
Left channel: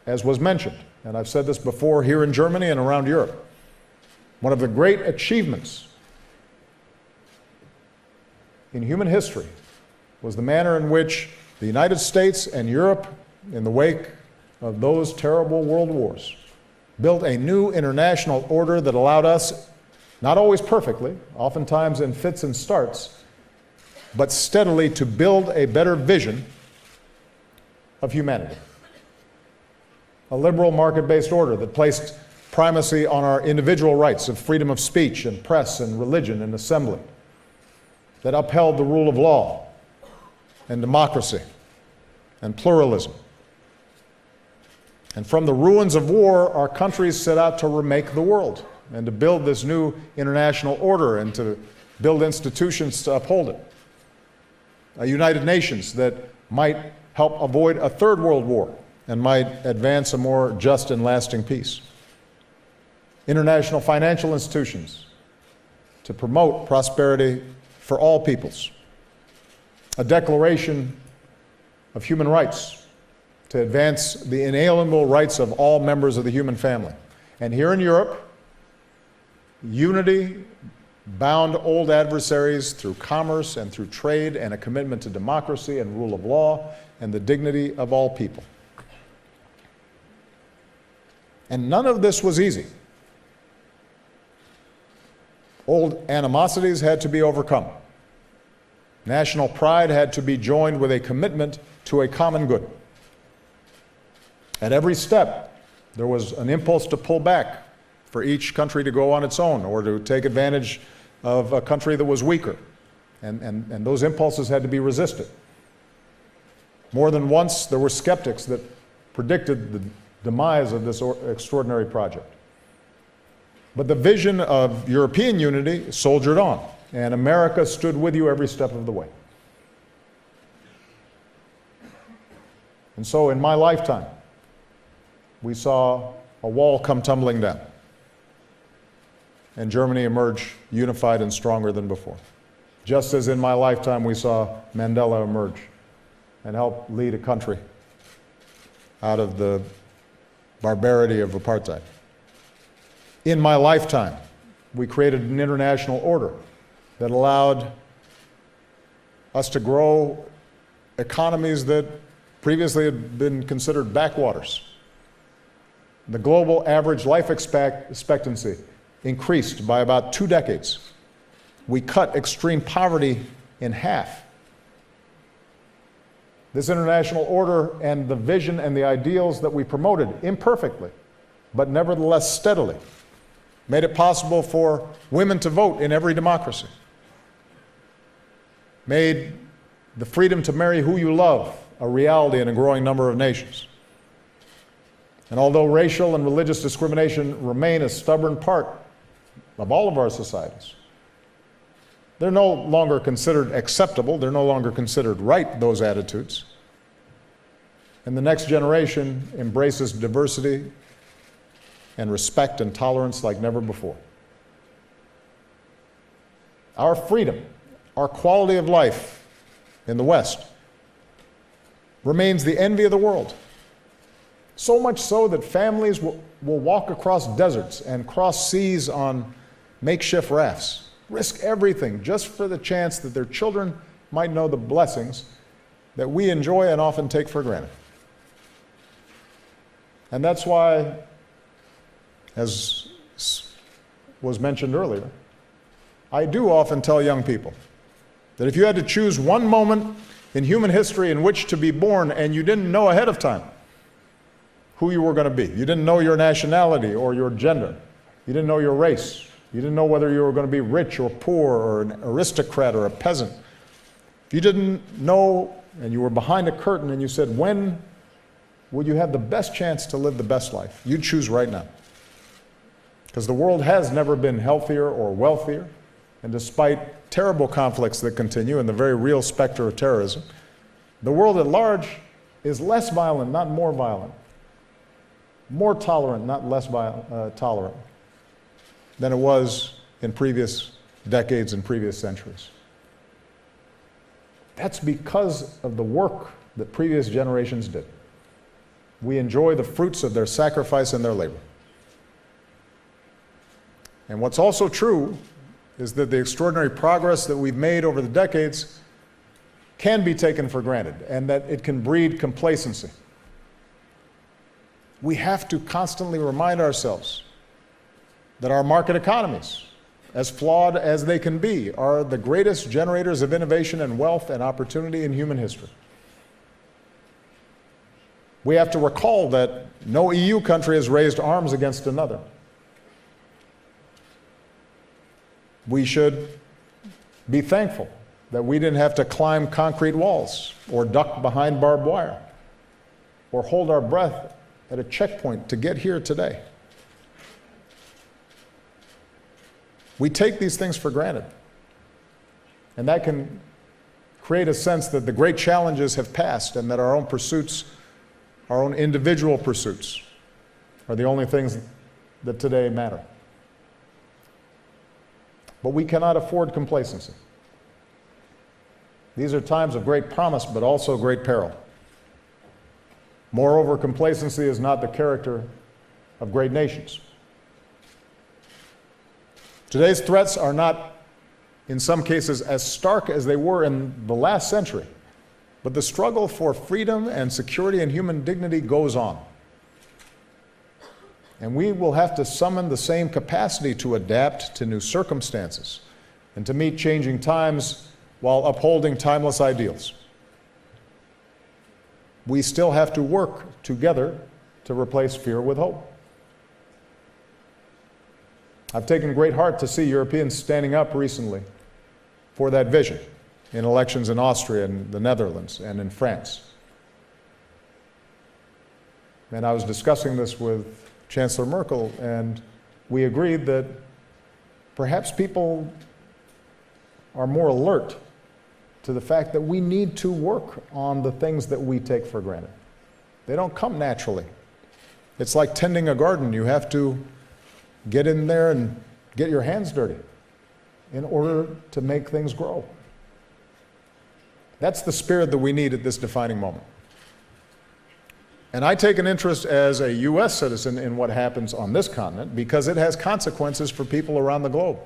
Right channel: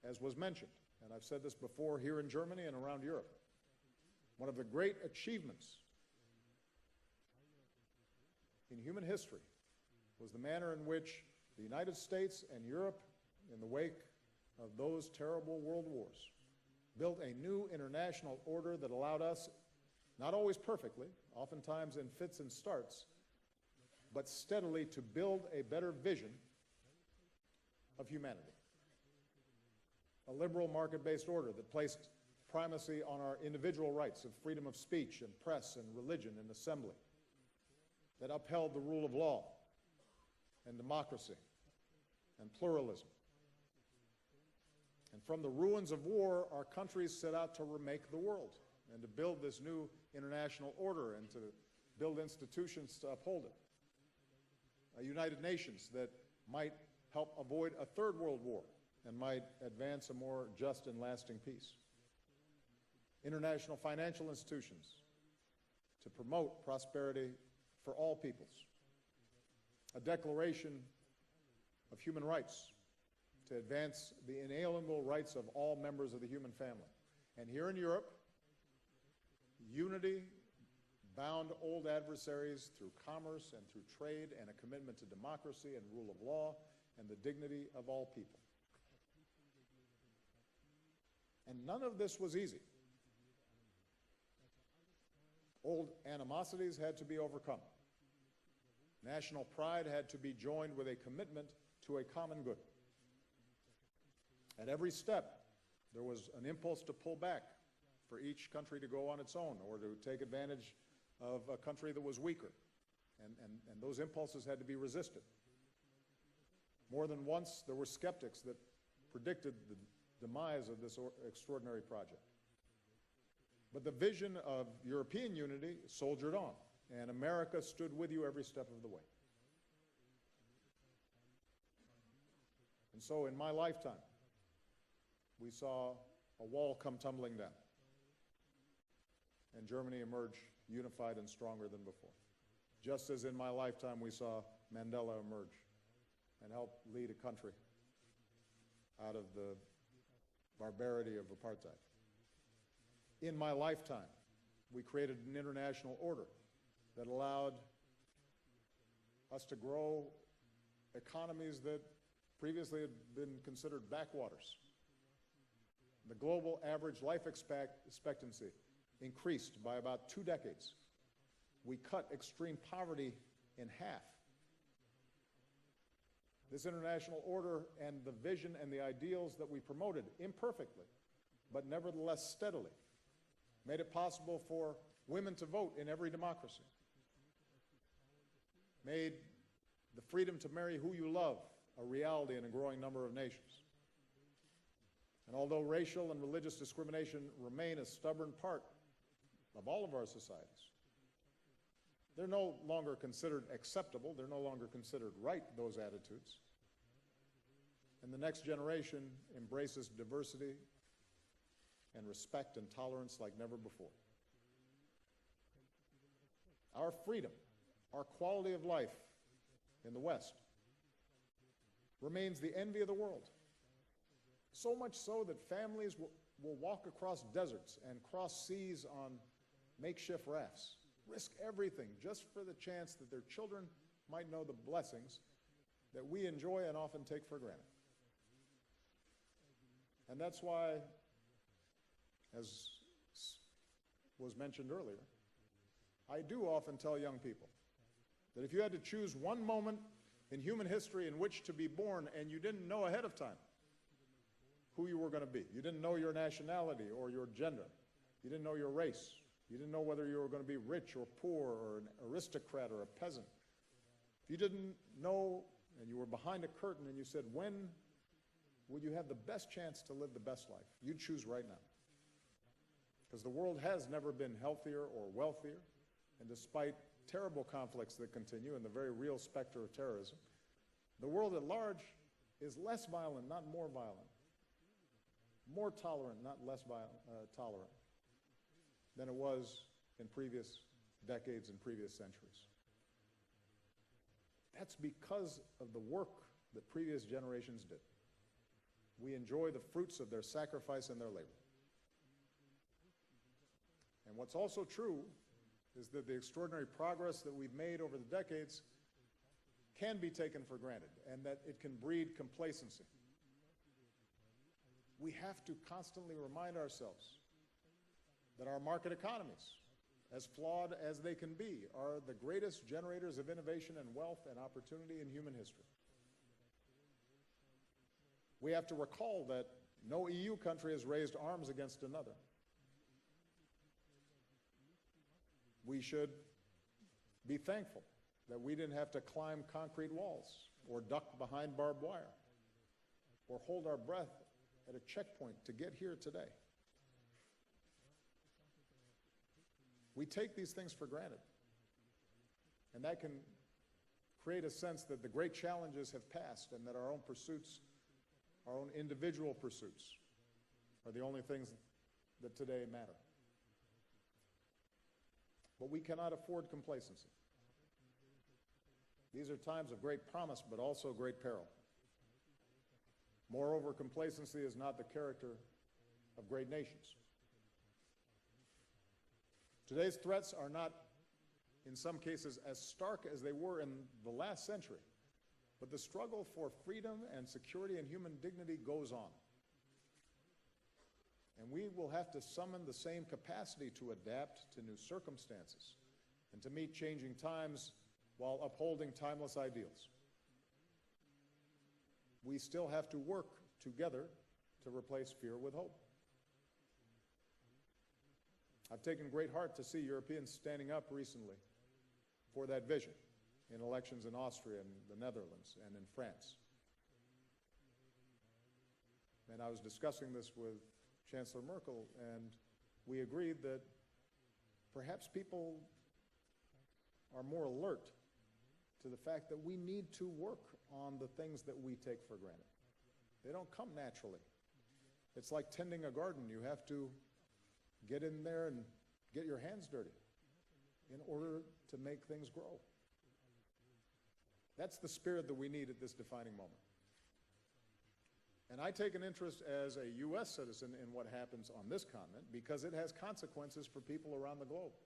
As was mentioned, and I've said this before here in Germany and around Europe, one of the great achievements in human history was the manner in which the United States and Europe, in the wake of those terrible world wars, built a new international order that allowed us, not always perfectly, oftentimes in fits and starts, but steadily to build a better vision of humanity. A liberal market-based order that placed primacy on our individual rights of freedom of speech and press and religion and assembly, that upheld the rule of law and democracy and pluralism. And from the ruins of war, our countries set out to remake the world and to build this new international order and to build institutions to uphold it. A United Nations that might help avoid a third world war and might advance a more just and lasting peace. International financial institutions to promote prosperity for all peoples. A declaration of human rights to advance the inalienable rights of all members of the human family. And here in Europe, unity bound old adversaries through commerce and through trade and a commitment to democracy and rule of law and the dignity of all people. And none of this was easy. Old animosities had to be overcome. National pride had to be joined with a commitment to a common good. At every step, there was an impulse to pull back for each country to go on its own or to take advantage of a country that was weaker. And those impulses had to be resisted. More than once, there were skeptics that predicted the demise of this extraordinary project. But the vision of European unity soldiered on, and America stood with you every step of the way. And so in my lifetime, we saw a wall come tumbling down, and Germany emerge unified and stronger than before. Just as in my lifetime we saw Mandela emerge and help lead a country out of the barbarity of apartheid. In my lifetime, we created an international order that allowed us to grow economies that previously had been considered backwaters. The global average life expectancy increased by about 2 decades. We cut extreme poverty in half. This international order and the vision and the ideals that we promoted imperfectly, but nevertheless steadily, made it possible for women to vote in every democracy, made the freedom to marry who you love a reality in a growing number of nations. And although racial and religious discrimination remain a stubborn part of all of our societies, they're no longer considered acceptable, they're no longer considered right, those attitudes. And the next generation embraces diversity and respect and tolerance like never before. Our freedom, our quality of life in the West remains the envy of the world. So much so that families will walk across deserts and cross seas on makeshift rafts, risk everything just for the chance that their children might know the blessings that we enjoy and often take for granted. And that's why, as was mentioned earlier, I do often tell young people that if you had to choose one moment in human history in which to be born and you didn't know ahead of time who you were going to be, you didn't know your nationality or your gender, you didn't know your race, you didn't know whether you were going to be rich or poor or an aristocrat or a peasant, if you didn't know and you were behind a curtain and you said, when would you have the best chance to live the best life? You'd choose right now. Because the world has never been healthier or wealthier, and despite terrible conflicts that continue and the very real specter of terrorism, the world at large is less violent, not more violent, more tolerant, not less tolerant, than it was in previous decades and previous centuries. That's because of the work that previous generations did. We enjoy the fruits of their sacrifice and their labor. And what's also true is that the extraordinary progress that we've made over the decades can be taken for granted, and that it can breed complacency. We have to constantly remind ourselves that our market economies, as flawed as they can be, are the greatest generators of innovation and wealth and opportunity in human history. We have to recall that no EU country has raised arms against another. We should be thankful that we didn't have to climb concrete walls or duck behind barbed wire or hold our breath at a checkpoint to get here today. We take these things for granted, and that can create a sense that the great challenges have passed and that our own pursuits, our own individual pursuits, are the only things that today matter. But we cannot afford complacency. These are times of great promise, but also great peril. Moreover, complacency is not the character of great nations. Today's threats are not, in some cases, as stark as they were in the last century, but the struggle for freedom and security and human dignity goes on. And we will have to summon the same capacity to adapt to new circumstances and to meet changing times while upholding timeless ideals. We still have to work together to replace fear with hope. I've taken great heart to see Europeans standing up recently for that vision in elections in Austria and the Netherlands and in France. And I was discussing this with Chancellor Merkel, and we agreed that perhaps people are more alert to the fact that we need to work on the things that we take for granted. They don't come naturally. It's like tending a garden. You have to get in there and get your hands dirty in order to make things grow. That's the spirit that we need at this defining moment. And I take an interest as a U.S. citizen in what happens on this continent because it has consequences for people around the globe.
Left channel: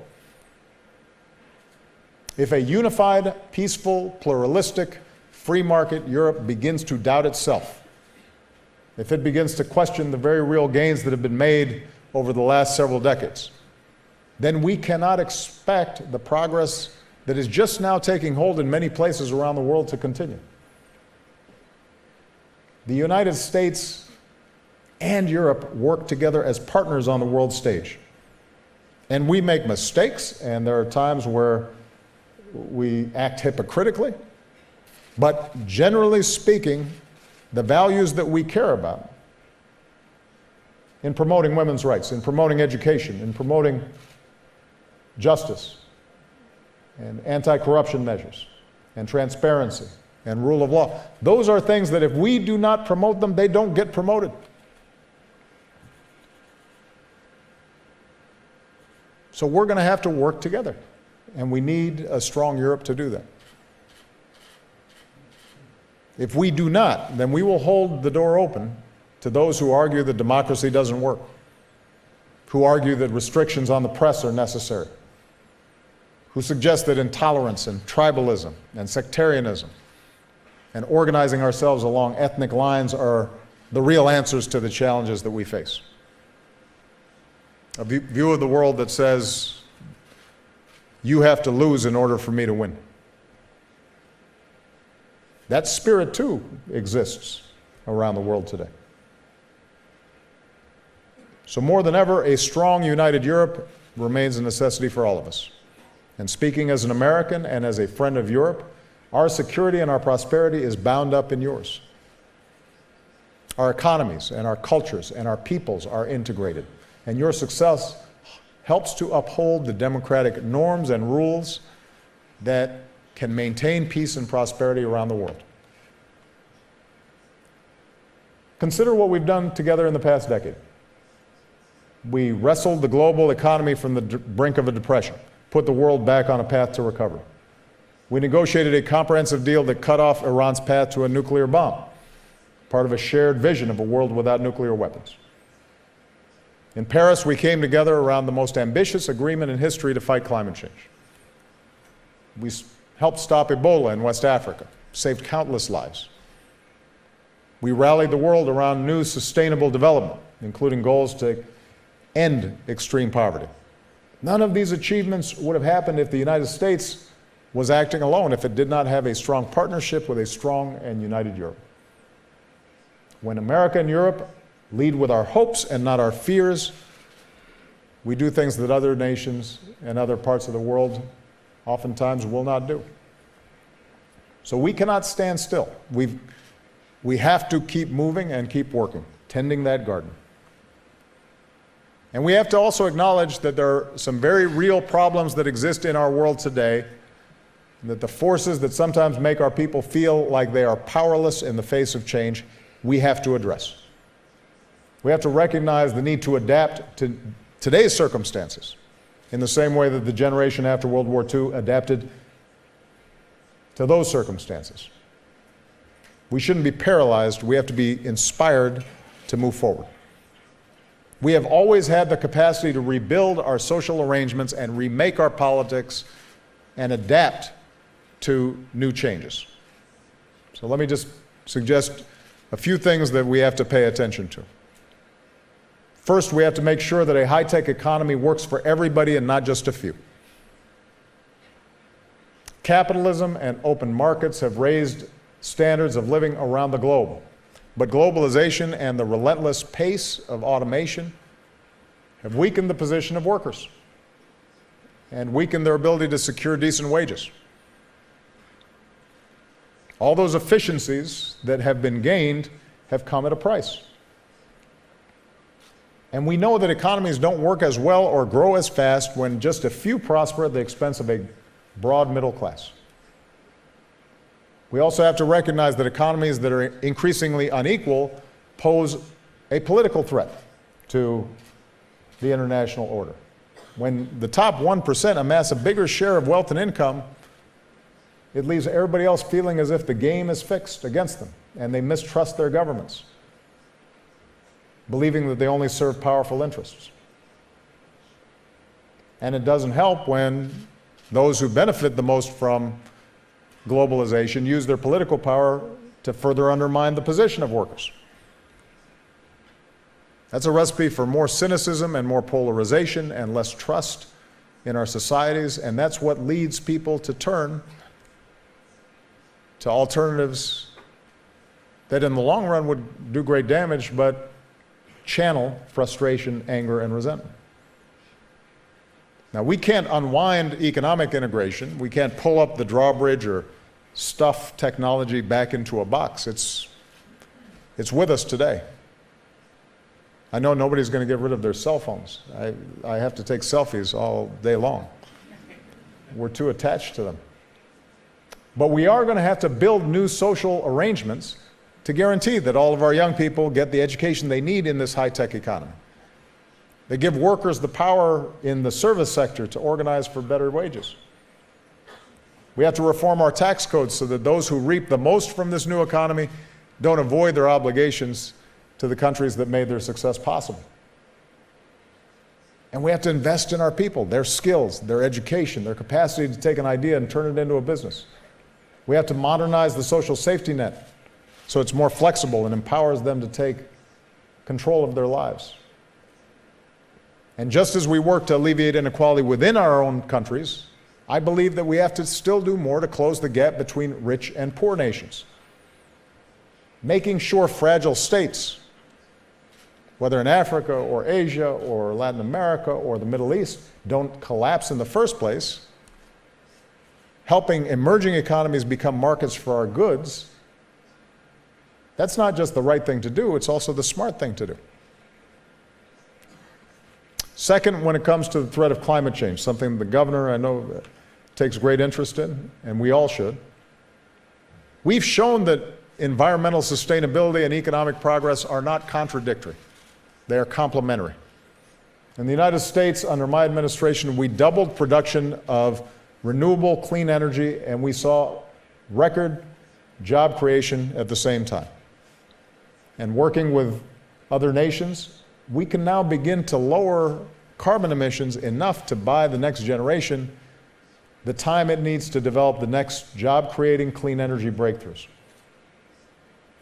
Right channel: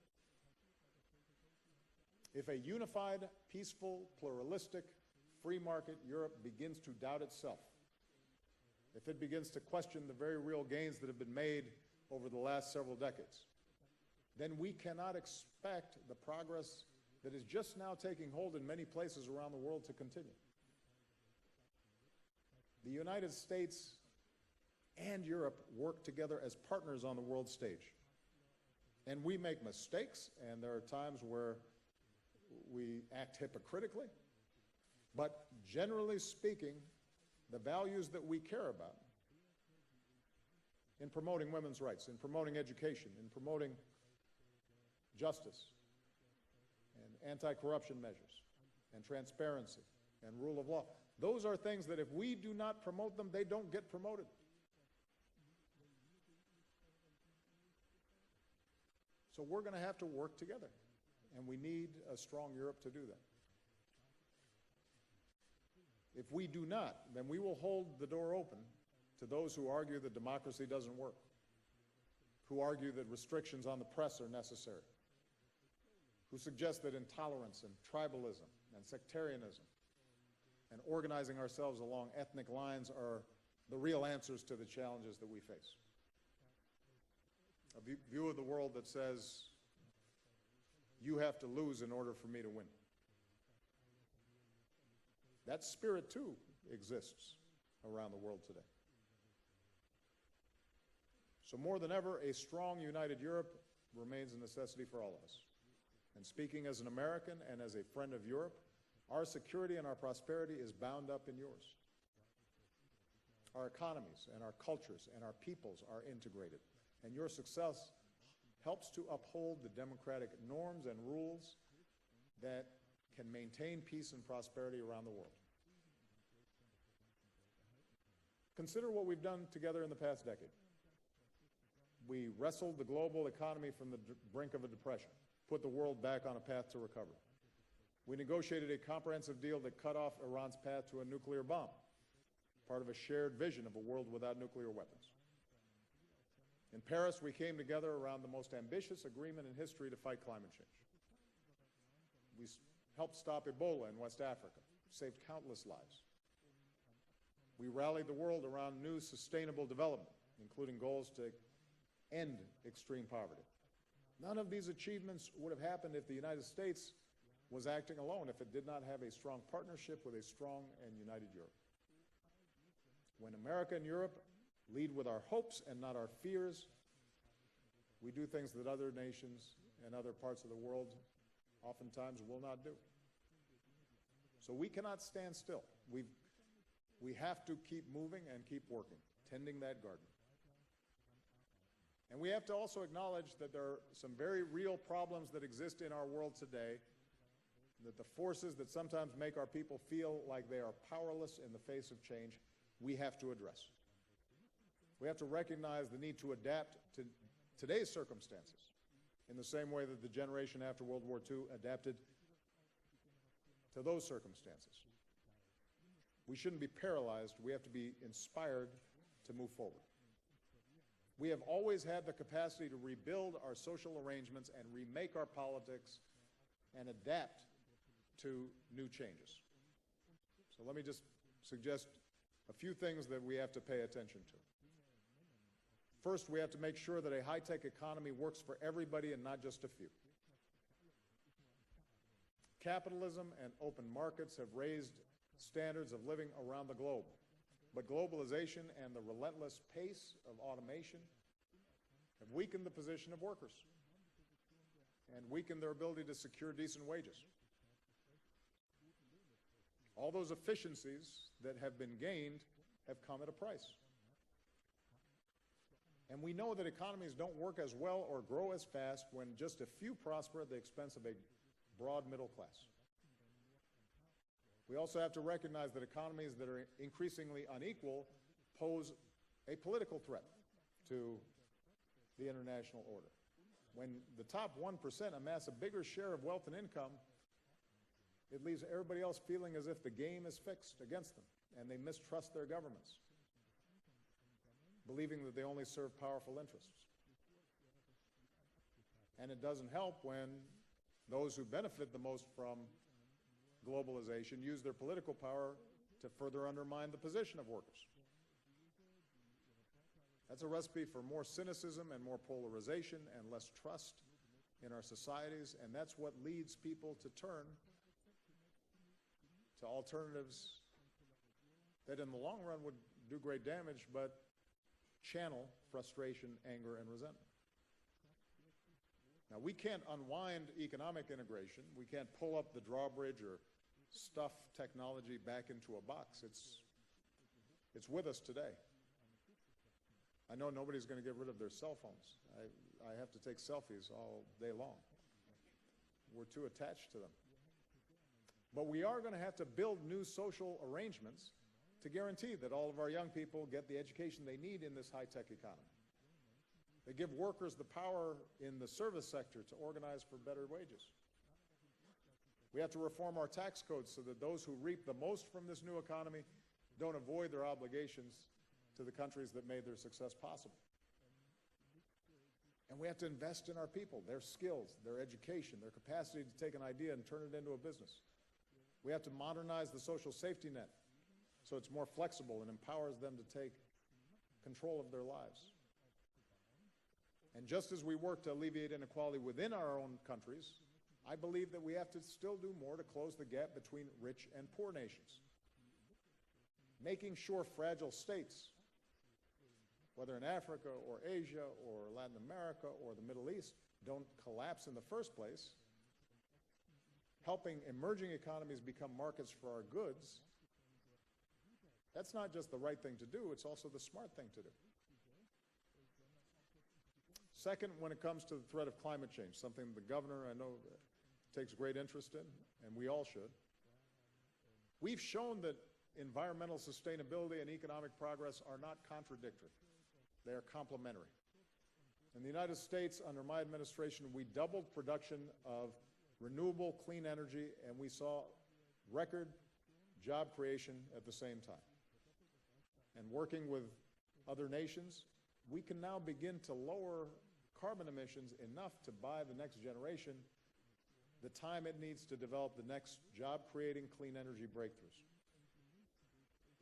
If a unified, peaceful, pluralistic, free market Europe begins to doubt itself, if it begins to question the very real gains that have been made over the last several decades, then we cannot expect the progress that is just now taking hold in many places around the world to continue. The United States and Europe work together as partners on the world stage. And we make mistakes, and there are times where we act hypocritically, but generally speaking, the values that we care about in promoting women's rights, in promoting education, in promoting justice, and anti-corruption measures, and transparency, and rule of law, those are things that if we do not promote them, they don't get promoted. So we're going to have to work together. And we need a strong Europe to do that. If we do not, then we will hold the door open to those who argue that democracy doesn't work, who argue that restrictions on the press are necessary, who suggest that intolerance and tribalism and sectarianism and organizing ourselves along ethnic lines are the real answers to the challenges that we face. A view of the world that says, you have to lose in order for me to win. That spirit, too, exists around the world today. So more than ever, a strong, united Europe remains a necessity for all of us. And speaking as an American and as a friend of Europe, our security and our prosperity is bound up in yours. Our economies and our cultures and our peoples are integrated, and your success helps to uphold the democratic norms and rules that can maintain peace and prosperity around the world. Consider what we've done together in the past decade. We wrestled the global economy from the brink of a depression, put the world back on a path to recovery. We negotiated a comprehensive deal that cut off Iran's path to a nuclear bomb, part of a shared vision of a world without nuclear weapons. In Paris, we came together around the most ambitious agreement in history to fight climate change. We helped stop Ebola in West Africa, saved countless lives. We rallied the world around new sustainable development, including goals to end extreme poverty. None of these achievements would have happened if the United States was acting alone, if it did not have a strong partnership with a strong and united Europe. When America and Europe lead with our hopes and not our fears, we do things that other nations and other parts of the world oftentimes will not do. So we cannot stand still. We have to keep moving and keep working, tending that garden. And we have to also acknowledge that there are some very real problems that exist in our world today, and that the forces that sometimes make our people feel like they are powerless in the face of change, we have to address. We have to recognize the need to adapt to today's circumstances in the same way that the generation after World War II adapted to those circumstances. We shouldn't be paralyzed. We have to be inspired to move forward. We have always had the capacity to rebuild our social arrangements and remake our politics and adapt to new changes. So let me just suggest a few things that we have to pay attention to. First, we have to make sure that a high-tech economy works for everybody and not just a few. Capitalism and open markets have raised standards of living around the globe, but globalization and the relentless pace of automation have weakened the position of workers and weakened their ability to secure decent wages. All those efficiencies that have been gained have come at a price. And we know that economies don't work as well or grow as fast when just a few prosper at the expense of a broad middle class. We also have to recognize that economies that are increasingly unequal pose a political threat to the international order. When the top 1% amass a bigger share of wealth and income, it leaves everybody else feeling as if the game is fixed against them, and they mistrust their governments, believing that they only serve powerful interests. And it doesn't help when those who benefit the most from globalization use their political power to further undermine the position of workers. That's a recipe for more cynicism and more polarization and less trust in our societies, and that's what leads people to turn to alternatives that in the long run would do great damage, but channel frustration, anger, and resentment. Now, we can't unwind economic integration. We can't pull up the drawbridge or stuff technology back into a box. It's with us today. I know nobody's going to get rid of their cell phones. I have to take selfies all day long. We're too attached to them. But we are going to have to build new social arrangements to guarantee that all of our young people get the education they need in this high-tech economy. They give workers the power in the service sector to organize for better wages. We have to reform our tax codes so that those who reap the most from this new economy don't avoid their obligations to the countries that made their success possible. And we have to invest in our people, their skills, their education, their capacity to take an idea and turn it into a business. We have to modernize the social safety net so it's more flexible and empowers them to take control of their lives. And just as we work to alleviate inequality within our own countries, I believe that we have to still do more to close the gap between rich and poor nations. Making sure fragile states, whether in Africa or Asia or Latin America or the Middle East, don't collapse in the first place, helping emerging economies become markets for our goods, that's not just the right thing to do, it's also the smart thing to do. Second, when it comes to the threat of climate change, something the governor, I know, takes great interest in, and we all should, we've shown that environmental sustainability and economic progress are not contradictory. They are complementary. In the United States, under my administration, we doubled production of renewable, clean energy, and we saw record job creation at the same time. And working with other nations, we can now begin to lower carbon emissions enough to buy the next generation the time it needs to develop the next job-creating clean energy breakthroughs.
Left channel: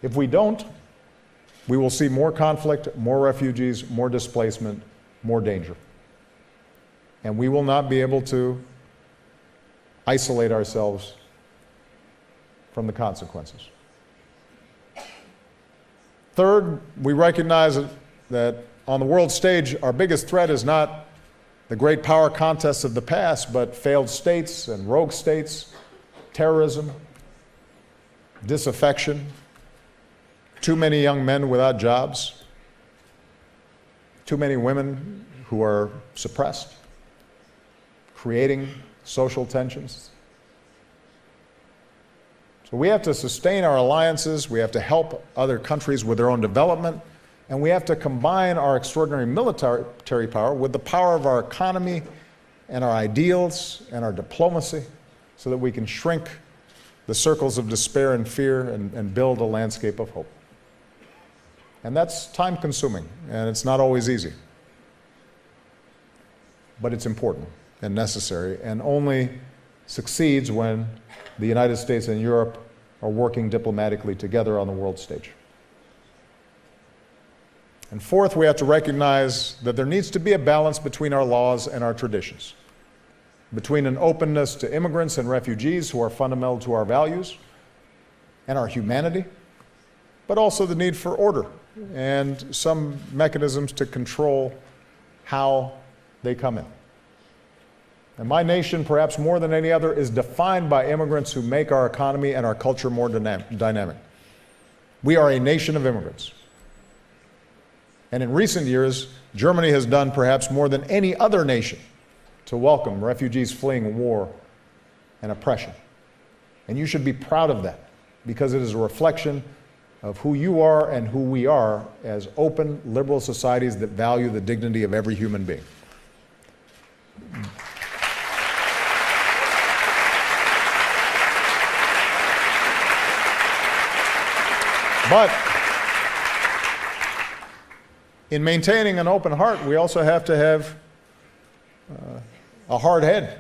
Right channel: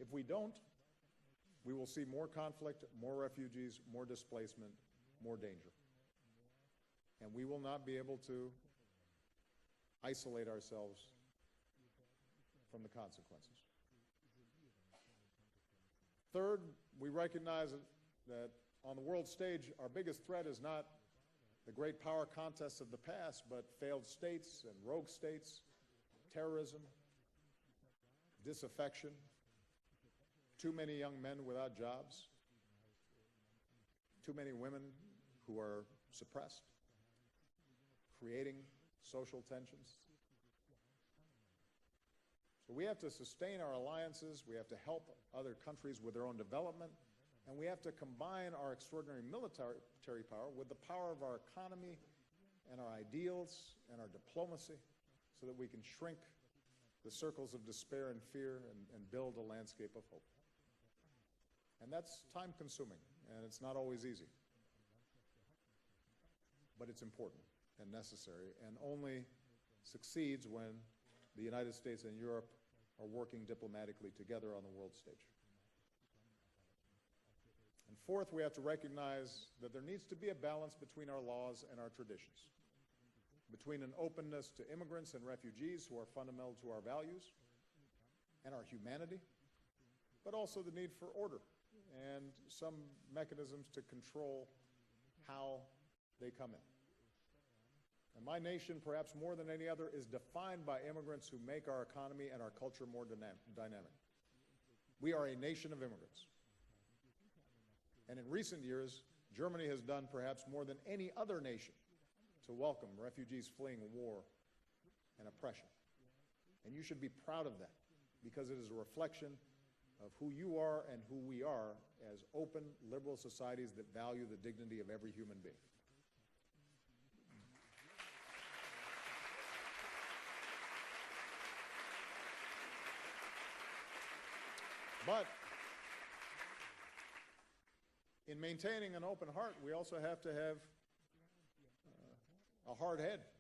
If we don't, we will see more conflict, more refugees, more displacement, more danger. And we will not be able to isolate ourselves from the consequences. Third, we recognize that on the world stage, our biggest threat is not the great power contests of the past, but failed states and rogue states, terrorism, disaffection, too many young men without jobs, too many women who are suppressed, creating social tensions. So we have to sustain our alliances, we have to help other countries with their own development, and we have to combine our extraordinary military power with the power of our economy and our ideals and our diplomacy so that we can shrink the circles of despair and fear and build a landscape of hope. And that's time-consuming, and it's not always easy. But it's important and necessary, and only succeeds when the United States and Europe are working diplomatically together on the world stage. And fourth, we have to recognize that there needs to be a balance between our laws and our traditions, between an openness to immigrants and refugees who are fundamental to our values and our humanity, but also the need for order and some mechanisms to control how they come in. And my nation, perhaps more than any other, is defined by immigrants who make our economy and our culture more dynamic. We are a nation of immigrants. And in recent years, Germany has done perhaps more than any other nation to welcome refugees fleeing war and oppression. And you should be proud of that, because it is a reflection of who you are and who we are as open, liberal societies that value the dignity of every human being. But in maintaining an open heart, we also have to have a hard head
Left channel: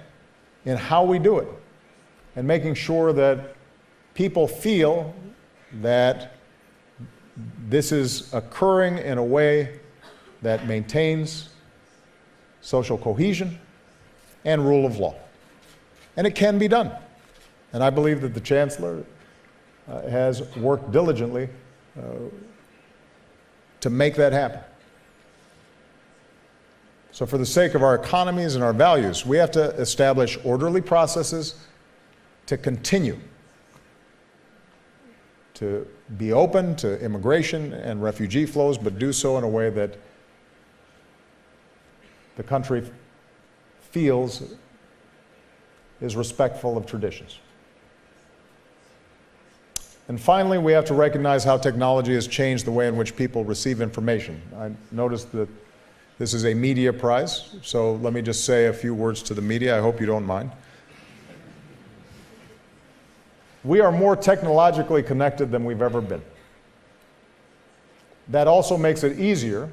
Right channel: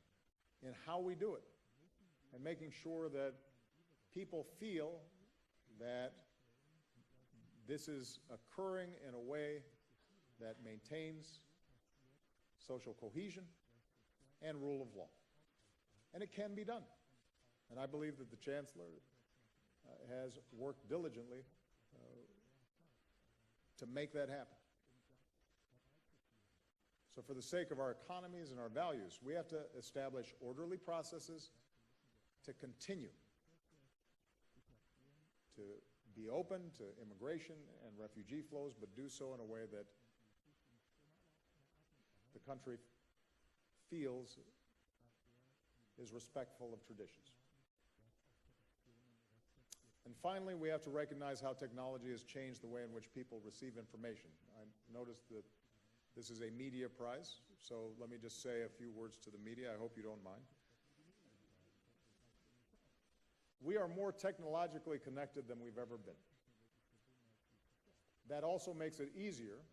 in how we do it, and making sure that people feel that this is occurring in a way that maintains social cohesion and rule of law. And it can be done. And I believe that the Chancellor has worked diligently to make that happen. So for the sake of our economies and our values, we have to establish orderly processes to continue to be open to immigration and refugee flows, but do so in a way that the country feels is respectful of traditions. And finally, we have to recognize how technology has changed the way in which people receive information. I noticed that this is a media prize, so let me just say a few words to the media. I hope you don't mind. We are more technologically connected than we've ever been. That also makes it easier,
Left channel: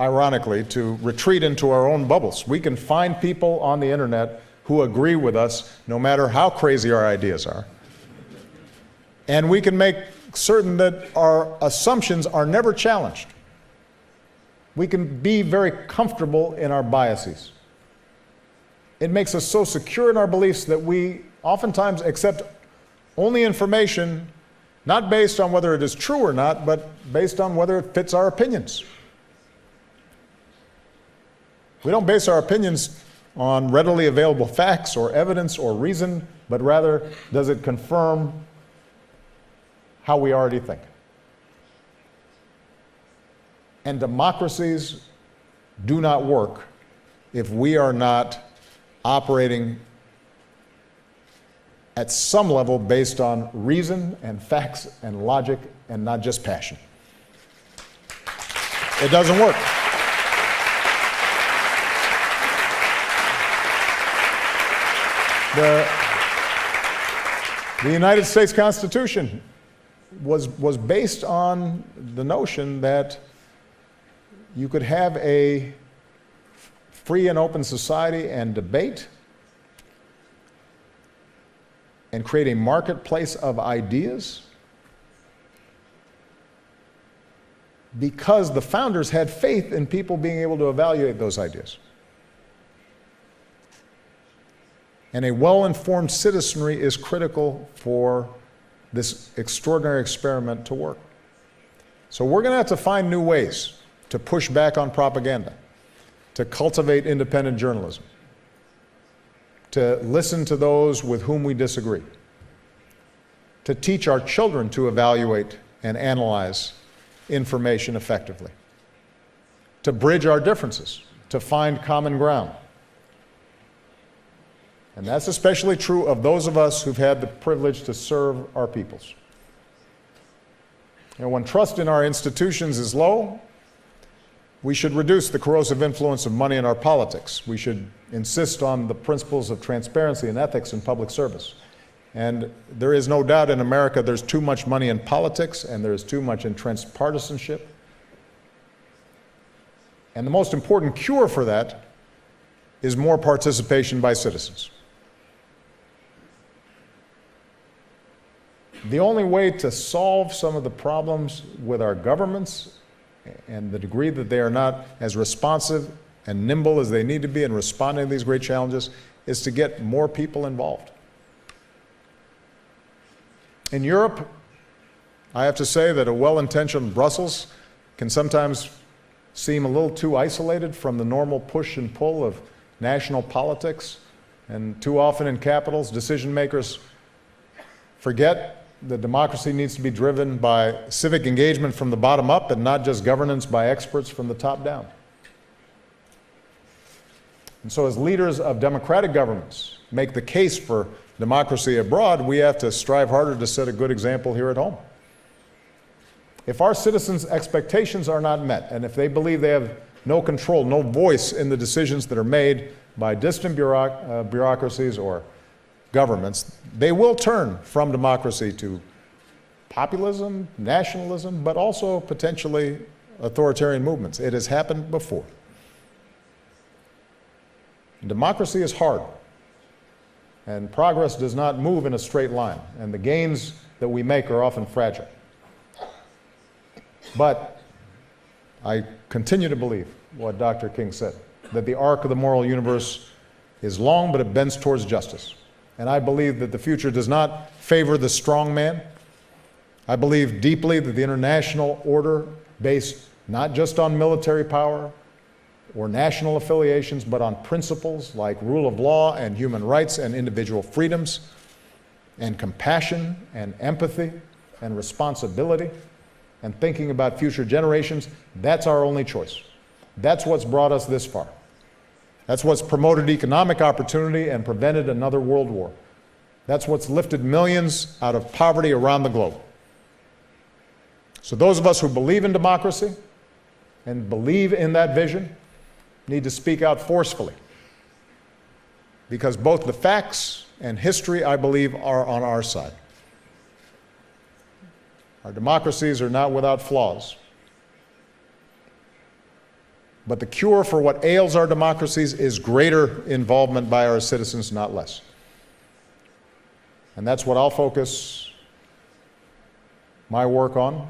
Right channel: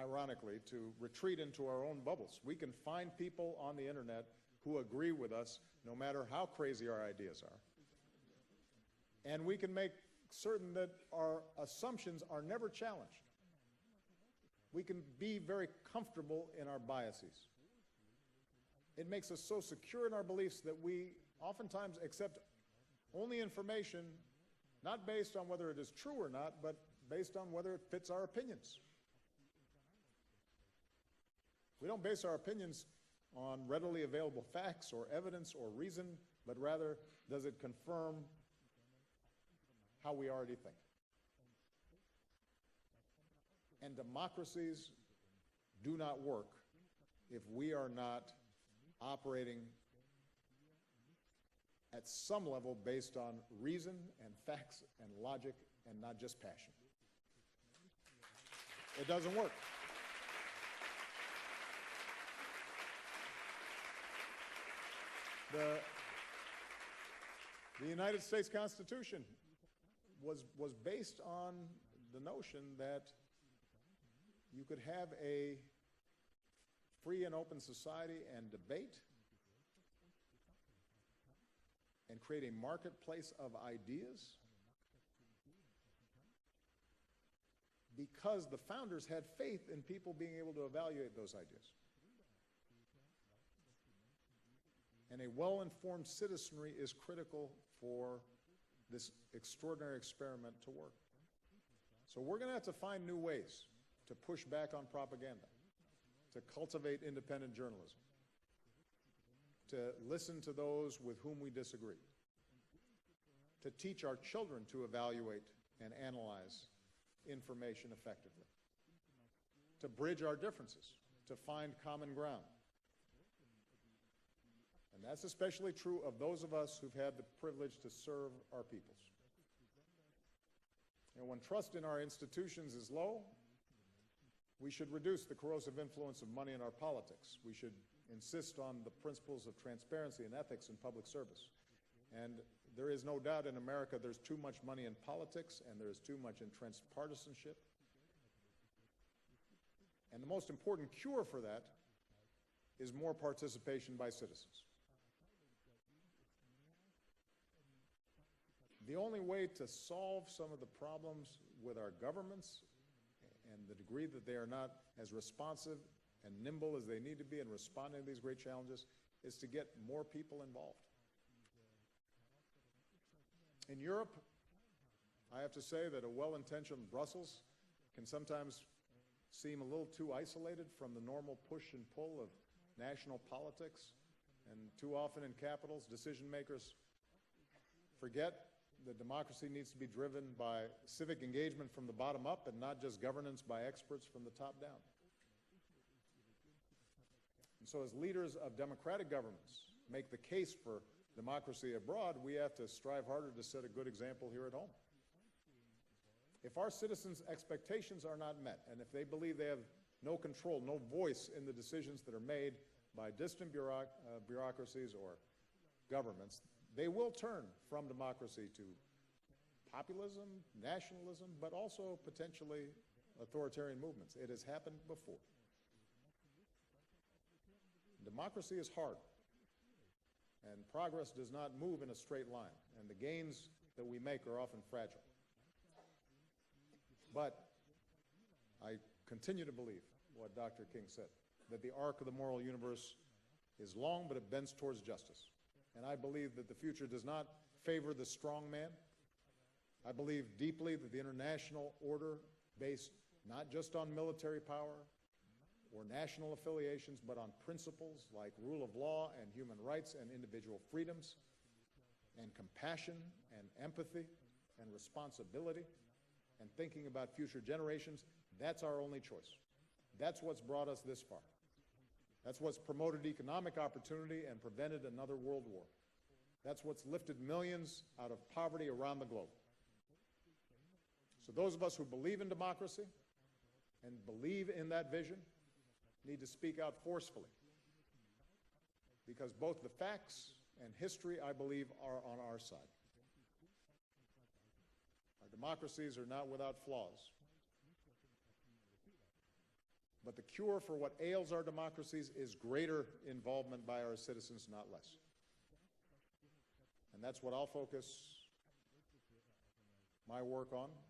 ironically, to retreat into our own bubbles. We can find people on the internet who agree with us, no matter how crazy our ideas are. And we can make certain that our assumptions are never challenged. We can be very comfortable in our biases. It makes us so secure in our beliefs that we oftentimes accept only information not based on whether it is true or not, but based on whether it fits our opinions. We don't base our opinions on readily available facts or evidence or reason, but rather, does it confirm how we already think? And democracies do not work if we are not operating at some level based on reason and facts and logic and not just passion. It doesn't work. The United States Constitution was based on the notion that you could have a free and open society and debate and create a marketplace of ideas because the founders had faith in people being able to evaluate those ideas. And a well-informed citizenry is critical for this extraordinary experiment to work. So we're going to have to find new ways to push back on propaganda, to cultivate independent journalism, to listen to those with whom we disagree, to teach our children to evaluate and analyze information effectively, to bridge our differences, to find common ground. And that's especially true of those of us who've had the privilege to serve our peoples. And when trust in our institutions is low, we should reduce the corrosive influence of money in our politics. We should insist on the principles of transparency and ethics in public service. And there is no doubt in America there's too much money in politics and there's too much entrenched partisanship. And the most important cure for that is more participation by citizens. The only way to solve some of the problems with our governments and the degree that they are not as responsive and nimble as they need to be in responding to these great challenges is to get more people involved. In Europe, I have to say that a well-intentioned Brussels can sometimes seem a little too isolated from the normal push and pull of national politics, and too often in capitals, decision makers forget that democracy needs to be driven by civic engagement from the bottom up and not just governance by experts from the top down. And so as leaders of democratic governments make the case for democracy abroad, we have to strive harder to set a good example here at home. If our citizens' expectations are not met, and if they believe they have no control, no voice in the decisions that are made by distant bureaucracies or governments, they will turn from democracy to populism, nationalism, but also potentially authoritarian movements. It has happened before. Democracy is hard, and progress does not move in a straight line, and the gains that we make are often fragile. But I continue to believe what Dr. King said, that the arc of the moral universe is long, but it bends towards justice. And I believe that the future does not favor the strong man. I believe deeply that the international order, based not just on military power or national affiliations, but on principles like rule of law and human rights and individual freedoms and compassion and empathy and responsibility and thinking about future generations, that's our only choice. That's what's brought us this far. That's what's promoted economic opportunity and prevented another world war. That's what's lifted millions out of poverty around the globe. So those of us who believe in democracy and believe in that vision need to speak out forcefully, because both the facts and history, I believe, are on our side. Our democracies are not without flaws. But the cure for what ails our democracies is greater involvement by our citizens, not less. And that's what I'll focus my work on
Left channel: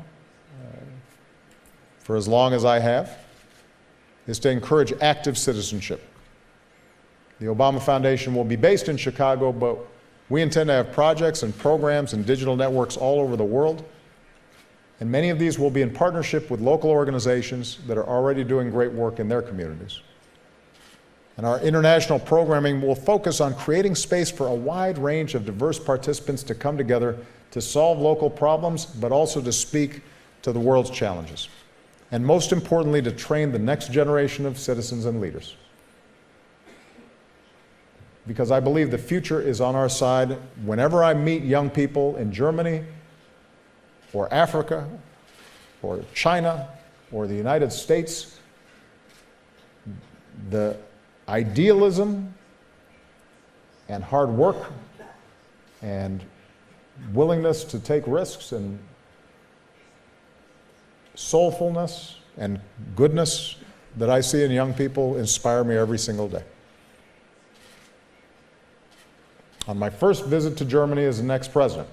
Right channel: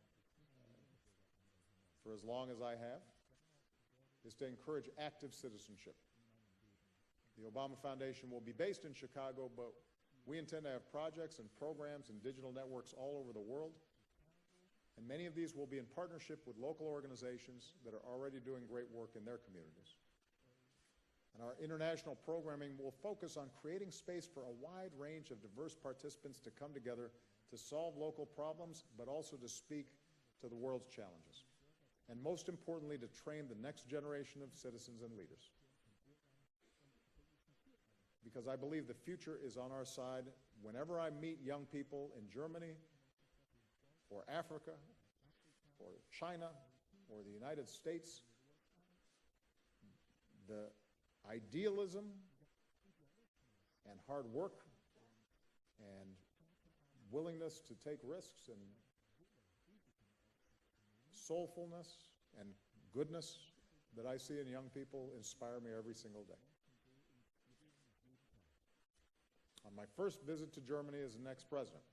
for as long as I have, is to encourage active citizenship. The Obama Foundation will be based in Chicago, but we intend to have projects and programs and digital networks all over the world. And many of these will be in partnership with local organizations that are already doing great work in their communities. And our international programming will focus on creating space for a wide range of diverse participants to come together to solve local problems, but also to speak to the world's challenges. And most importantly, to train the next generation of citizens and leaders. Because I believe the future is on our side. Whenever I meet young people in Germany, or Africa, or China, or the United States, the idealism and hard work and willingness to take risks and soulfulness and goodness that I see in young people inspire me every single day. On my first visit to Germany as the next president,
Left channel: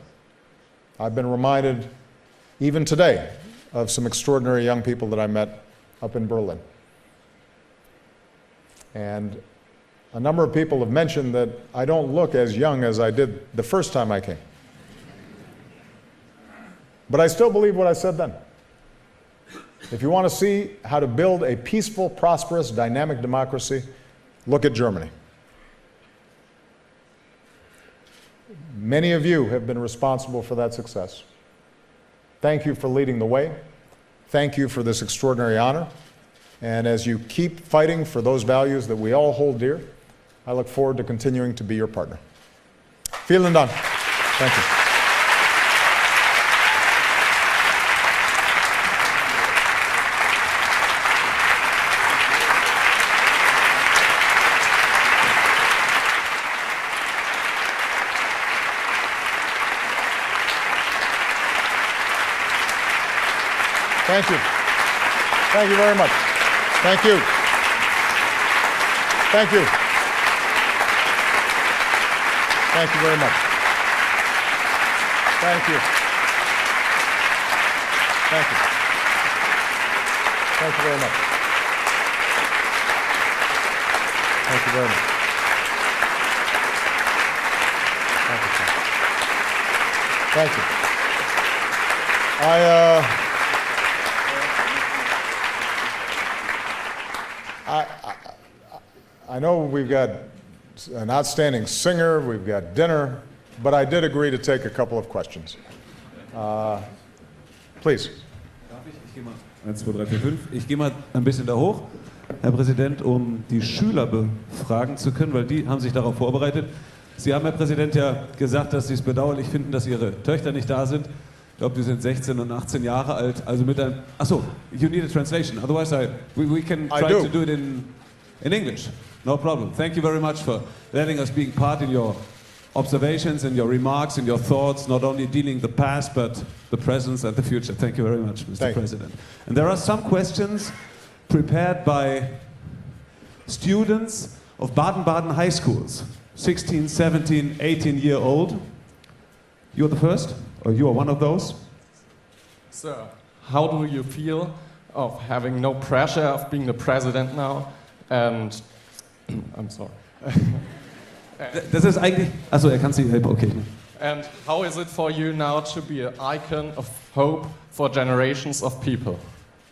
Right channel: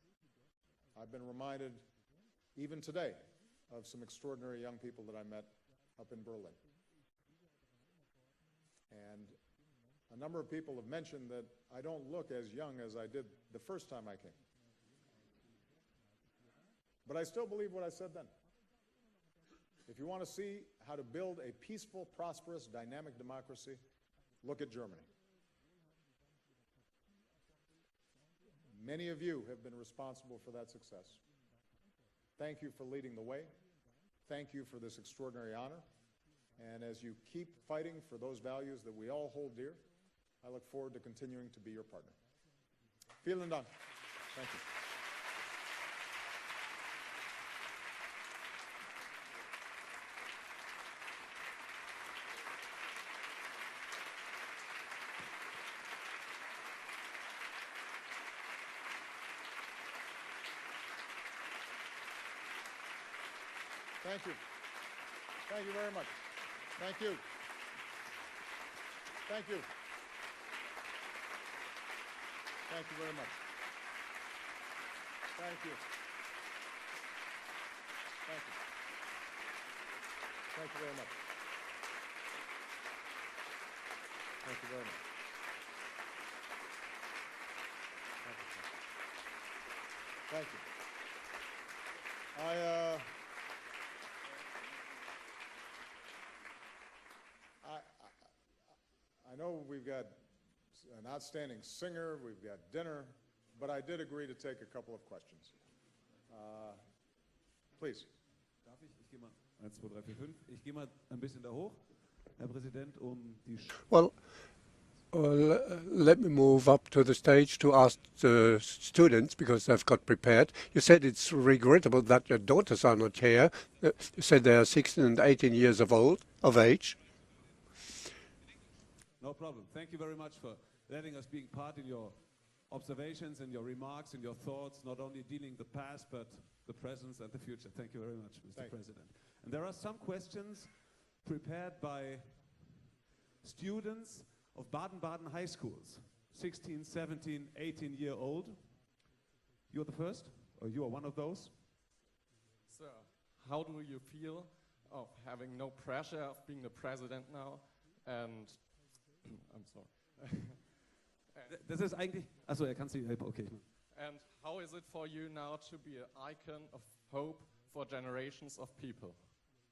I've been reminded, even today, of some extraordinary young people that I met up in Berlin. And a number of people have mentioned that I don't look as young as I did the first time I came. But I still believe what I said then. If you want to see how to build a peaceful, prosperous, dynamic democracy, look at Germany. Many of you have been responsible for that success. Thank you for leading the way. Thank you for this extraordinary honor. And as you keep fighting for those values that we all hold dear, I look forward to continuing to be your partner. Vielen Dank. Thank you. Thank you. Thank you very much. Thank you. Thank you. Thank you very much. Thank you. Thank you. Thank you very much. Thank you very much. Thank you. Thank you. I know we've got an outstanding singer, we've got dinner, but I did agree to take a couple of questions. Please. Darf ich? Ich gehe mal 1, 2, 3, 4, 5. Ich gehe mal ein bisschen da hoch, Herr Präsident, um die Schüler befragen zu können, weil die haben sich darauf vorbereitet. Sie haben, Herr Präsident, ja gesagt, dass Sie es bedauerlich finden, dass Ihre Töchter nicht da sind. Ich glaube, die sind 16 und 18 Jahre alt. Also mit der... Achso, you need a translation. Otherwise, we can try to do it in English. No problem. Thank you very much for letting us being part in your observations and your remarks and your thoughts, not only dealing the past, but the present and the future. Thank you very much, Mr. President. And there are some questions prepared by students of Baden-Baden high schools, 16, 17, 18-year-old. You're the first, or you are one of those? Sir, how do you feel of having no pressure of being the president now? And I'm sorry. Das ist eigentlich... Achso, kann Sie helfen, okay. And how is it for you now to be an icon of hope for generations of people?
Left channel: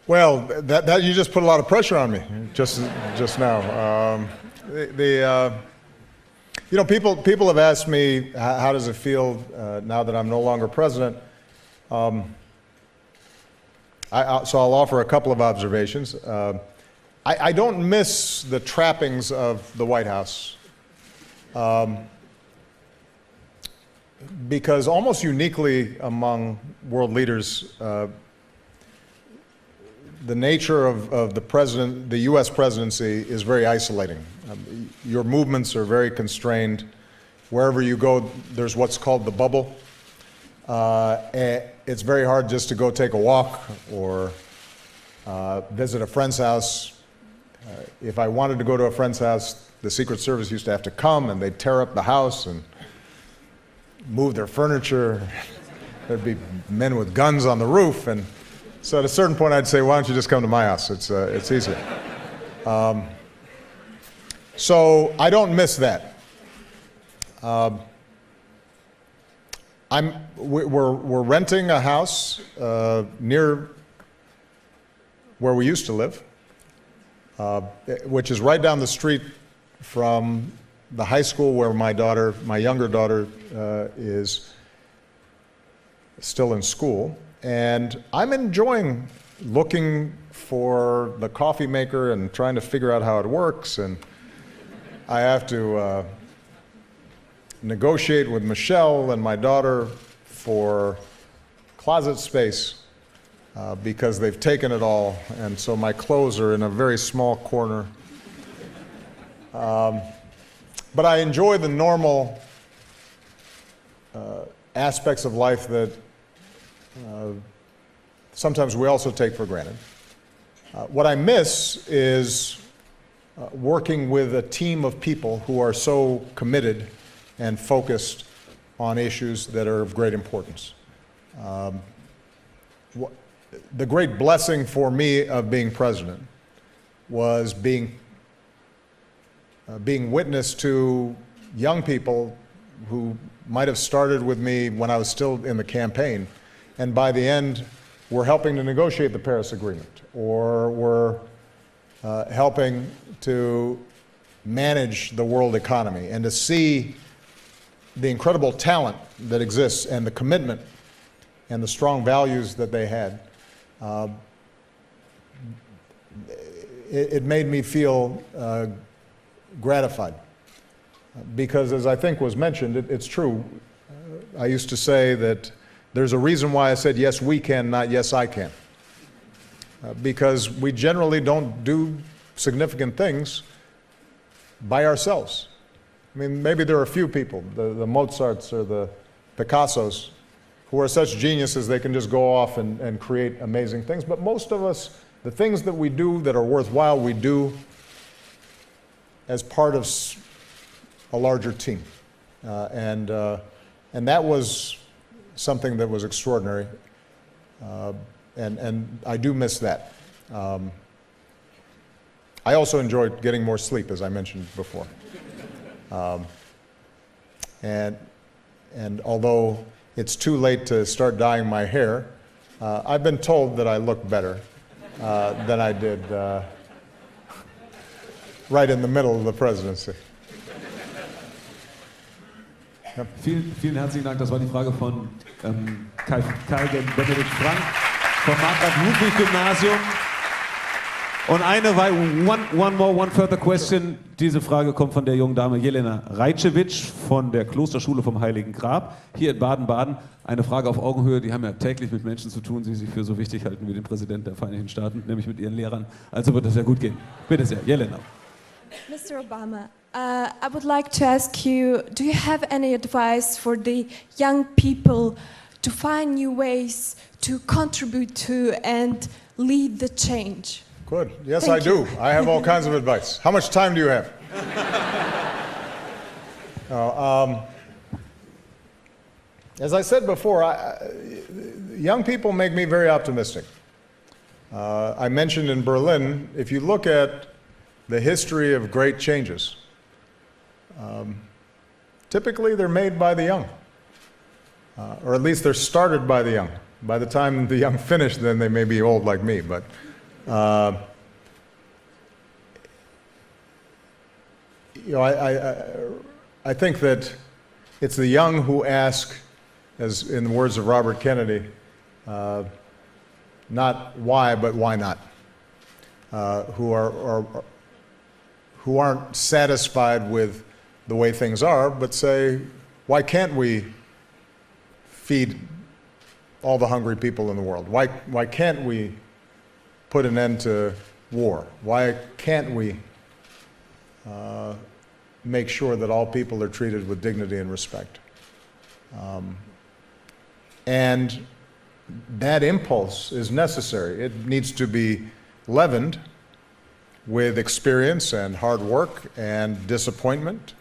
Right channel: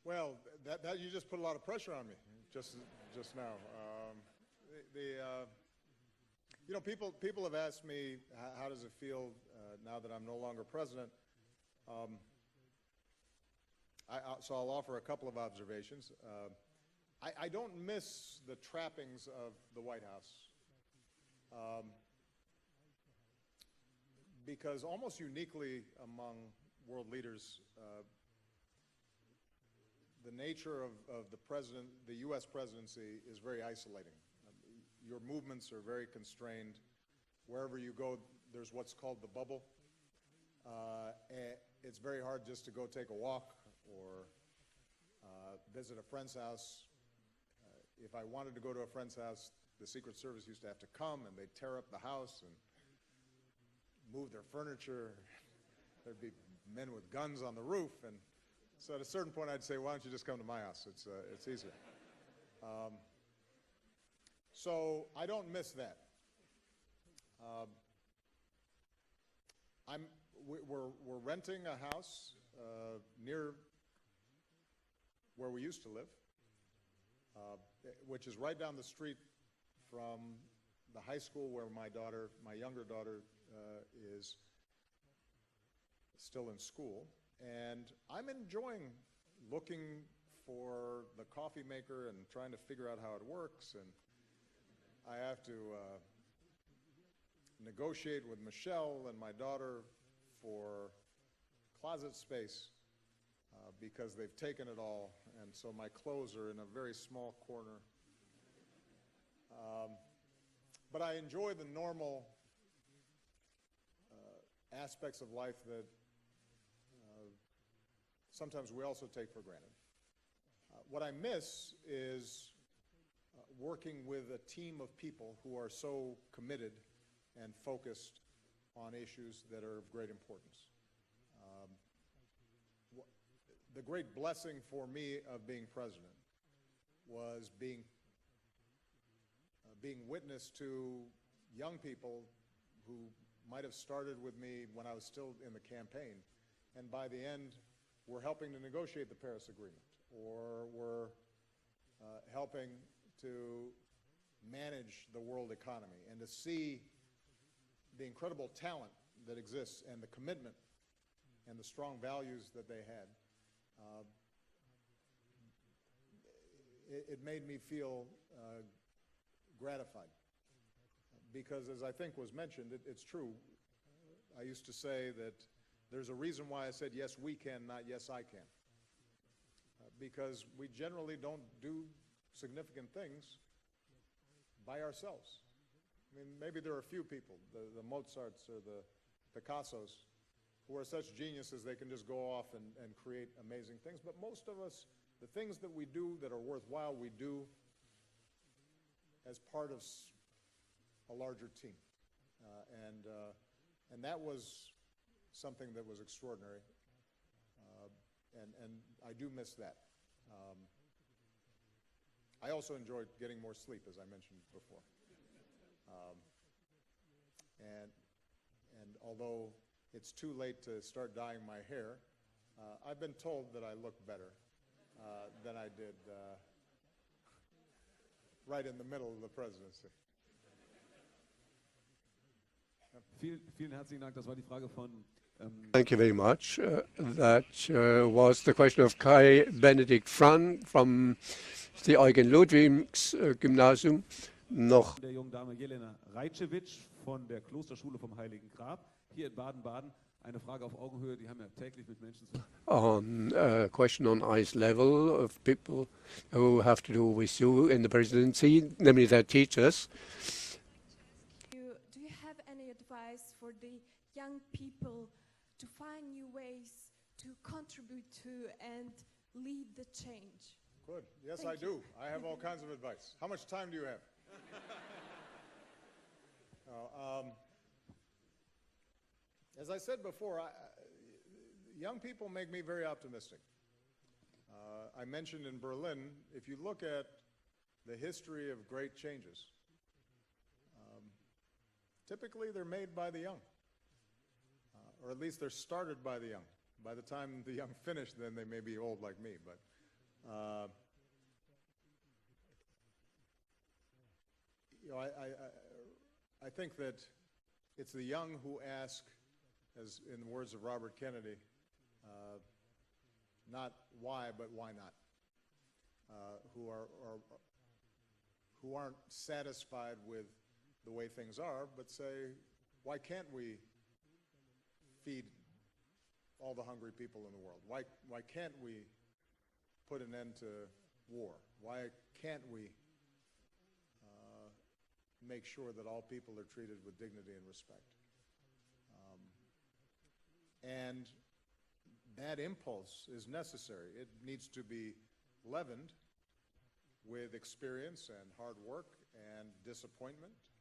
Well, that you just put a lot of pressure on me just now. You know, people have asked me how does it feel now that I'm no longer president. So I'll offer a couple of observations. I don't miss the trappings of the White House because almost uniquely among world leaders, the nature of the U.S. presidency is very isolating. Your movements are very constrained. Wherever you go, there's what's called the bubble. It's very hard just to go take a walk or visit a friend's house. If I wanted to go to a friend's house, the Secret Service used to have to come and they'd tear up the house and move their furniture. There'd be men with guns on the roof, and so at a certain point I'd say, why don't you just come to my house? It's easier. So I don't miss that. We're renting a house near where we used to live, which is right down the street from the high school where my younger daughter, is still in school. And I'm enjoying looking for the coffee maker and trying to figure out how it works. And I have to negotiate with Michelle and my daughter for closet space because they've taken it all. And so my clothes are in a very small corner. But I enjoy the normal aspects of life that sometimes we also take for granted. What I miss is working with a team of people who are so committed and focused on issues that are of great importance. The great blessing for me of being president was being witness to young people who might have started with me when I was still in the campaign, and by the end were helping to negotiate the Paris Agreement, or were helping to manage the world economy, and to see the incredible talent that exists and the commitment and the strong values that they had. It made me feel gratified, because as I think was mentioned, it's true. I used to say that there's a reason why I said yes we can, not yes I can, because we generally don't do significant things by ourselves. I mean, maybe there are a few people, the Mozarts or the Picassos, who are such geniuses they can just go off and create amazing things. But most of us, the things that we do that are worthwhile, we do as part of a larger team. And that was something that was extraordinary. And I do miss that. I also enjoyed getting more sleep, as I mentioned before. And although it's too late to start dyeing my hair, I've been told that I look better than I did right in the middle of the presidency. Vielen herzlichen Dank. Das war die Frage von Thank you very much. Benedikt Frank vom Ludwig-Gymnasium. Und one further question. Diese Frage kommt von der jungen Dame Jelena Rajcevic von der Klosterschule vom Heiligen Grab hier in Baden-Baden. Eine Frage auf Augenhöhe, die haben ja täglich mit Menschen zu tun, die sich für so wichtig halten wie den Präsidenten der Vereinigten Staaten, nämlich mit ihren Lehrern. Also wird es sehr gut gehen. Bitte sehr, Jelena. I would like to ask you, do you have any advice for the young people to find new ways to contribute to and lead the change? Good. Yes, I do. I have all kinds of advice. How much time do you have? As I said before, young people make me very optimistic. I mentioned in Berlin, if you look at the history of great changes, typically they're made by the young, or at least they're started by the young. By the time the young finish, then they may be old like me, but you know, I think that it's the young who ask, as in the words of Robert Kennedy, not why, but why not, who aren't satisfied with the way things are, but say, why can't we feed all the hungry people in the world? Why can't we put an end to war? Why can't we make sure that all people are treated with dignity and respect? And that impulse is necessary. It needs to be leavened with experience and hard work and disappointment,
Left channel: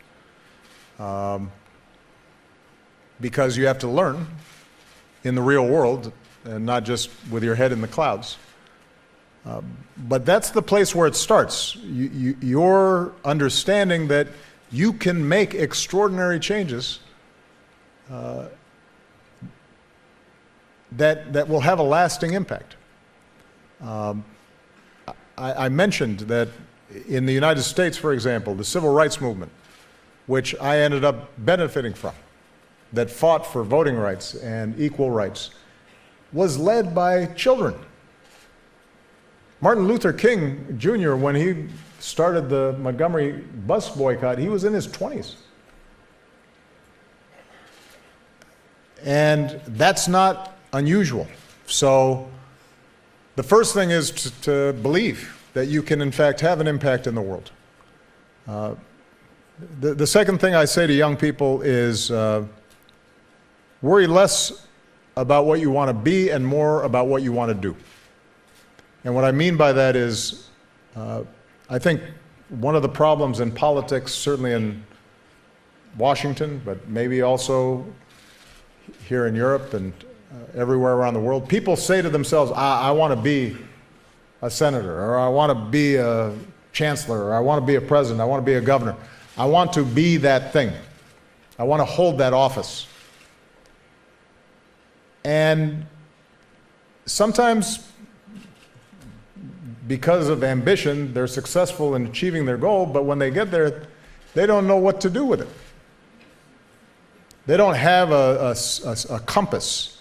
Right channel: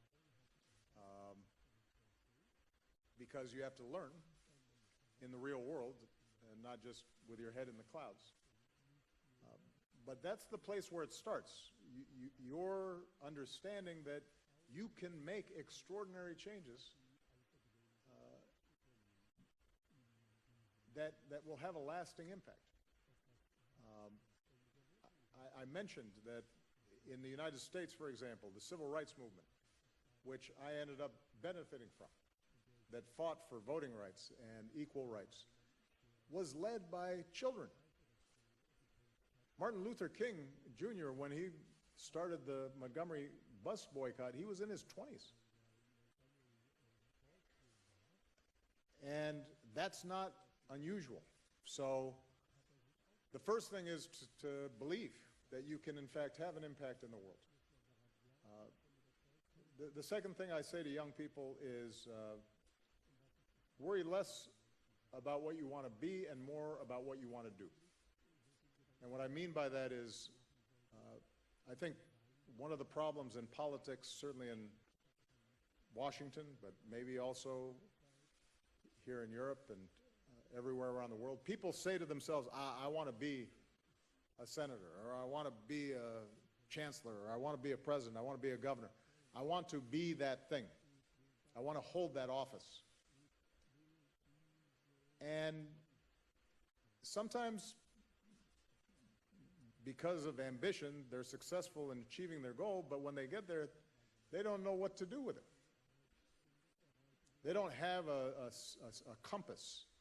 because you have to learn in the real world and not just with your head in the clouds. But that's the place where it starts. Your understanding that you can make extraordinary changes that will have a lasting impact. I mentioned that in the United States, for example, the civil rights movement, which I ended up benefiting from, that fought for voting rights and equal rights, was led by children. Martin Luther King Jr., when he started the Montgomery bus boycott, he was in his 20s. And that's not unusual. So the first thing is to believe that you can in fact have an impact in the world. The second thing I say to young people is worry less about what you want to be and more about what you want to do. And what I mean by that is, I think one of the problems in politics, certainly in Washington, but maybe also here in Europe and everywhere around the world, people say to themselves, I want to be a senator, or I want to be a chancellor, or I want to be a president, I want to be a governor. I want to be that thing. I want to hold that office. And sometimes, because of ambition, they're successful in achieving their goal, but when they get there, they don't know what to do with it. They don't have a compass,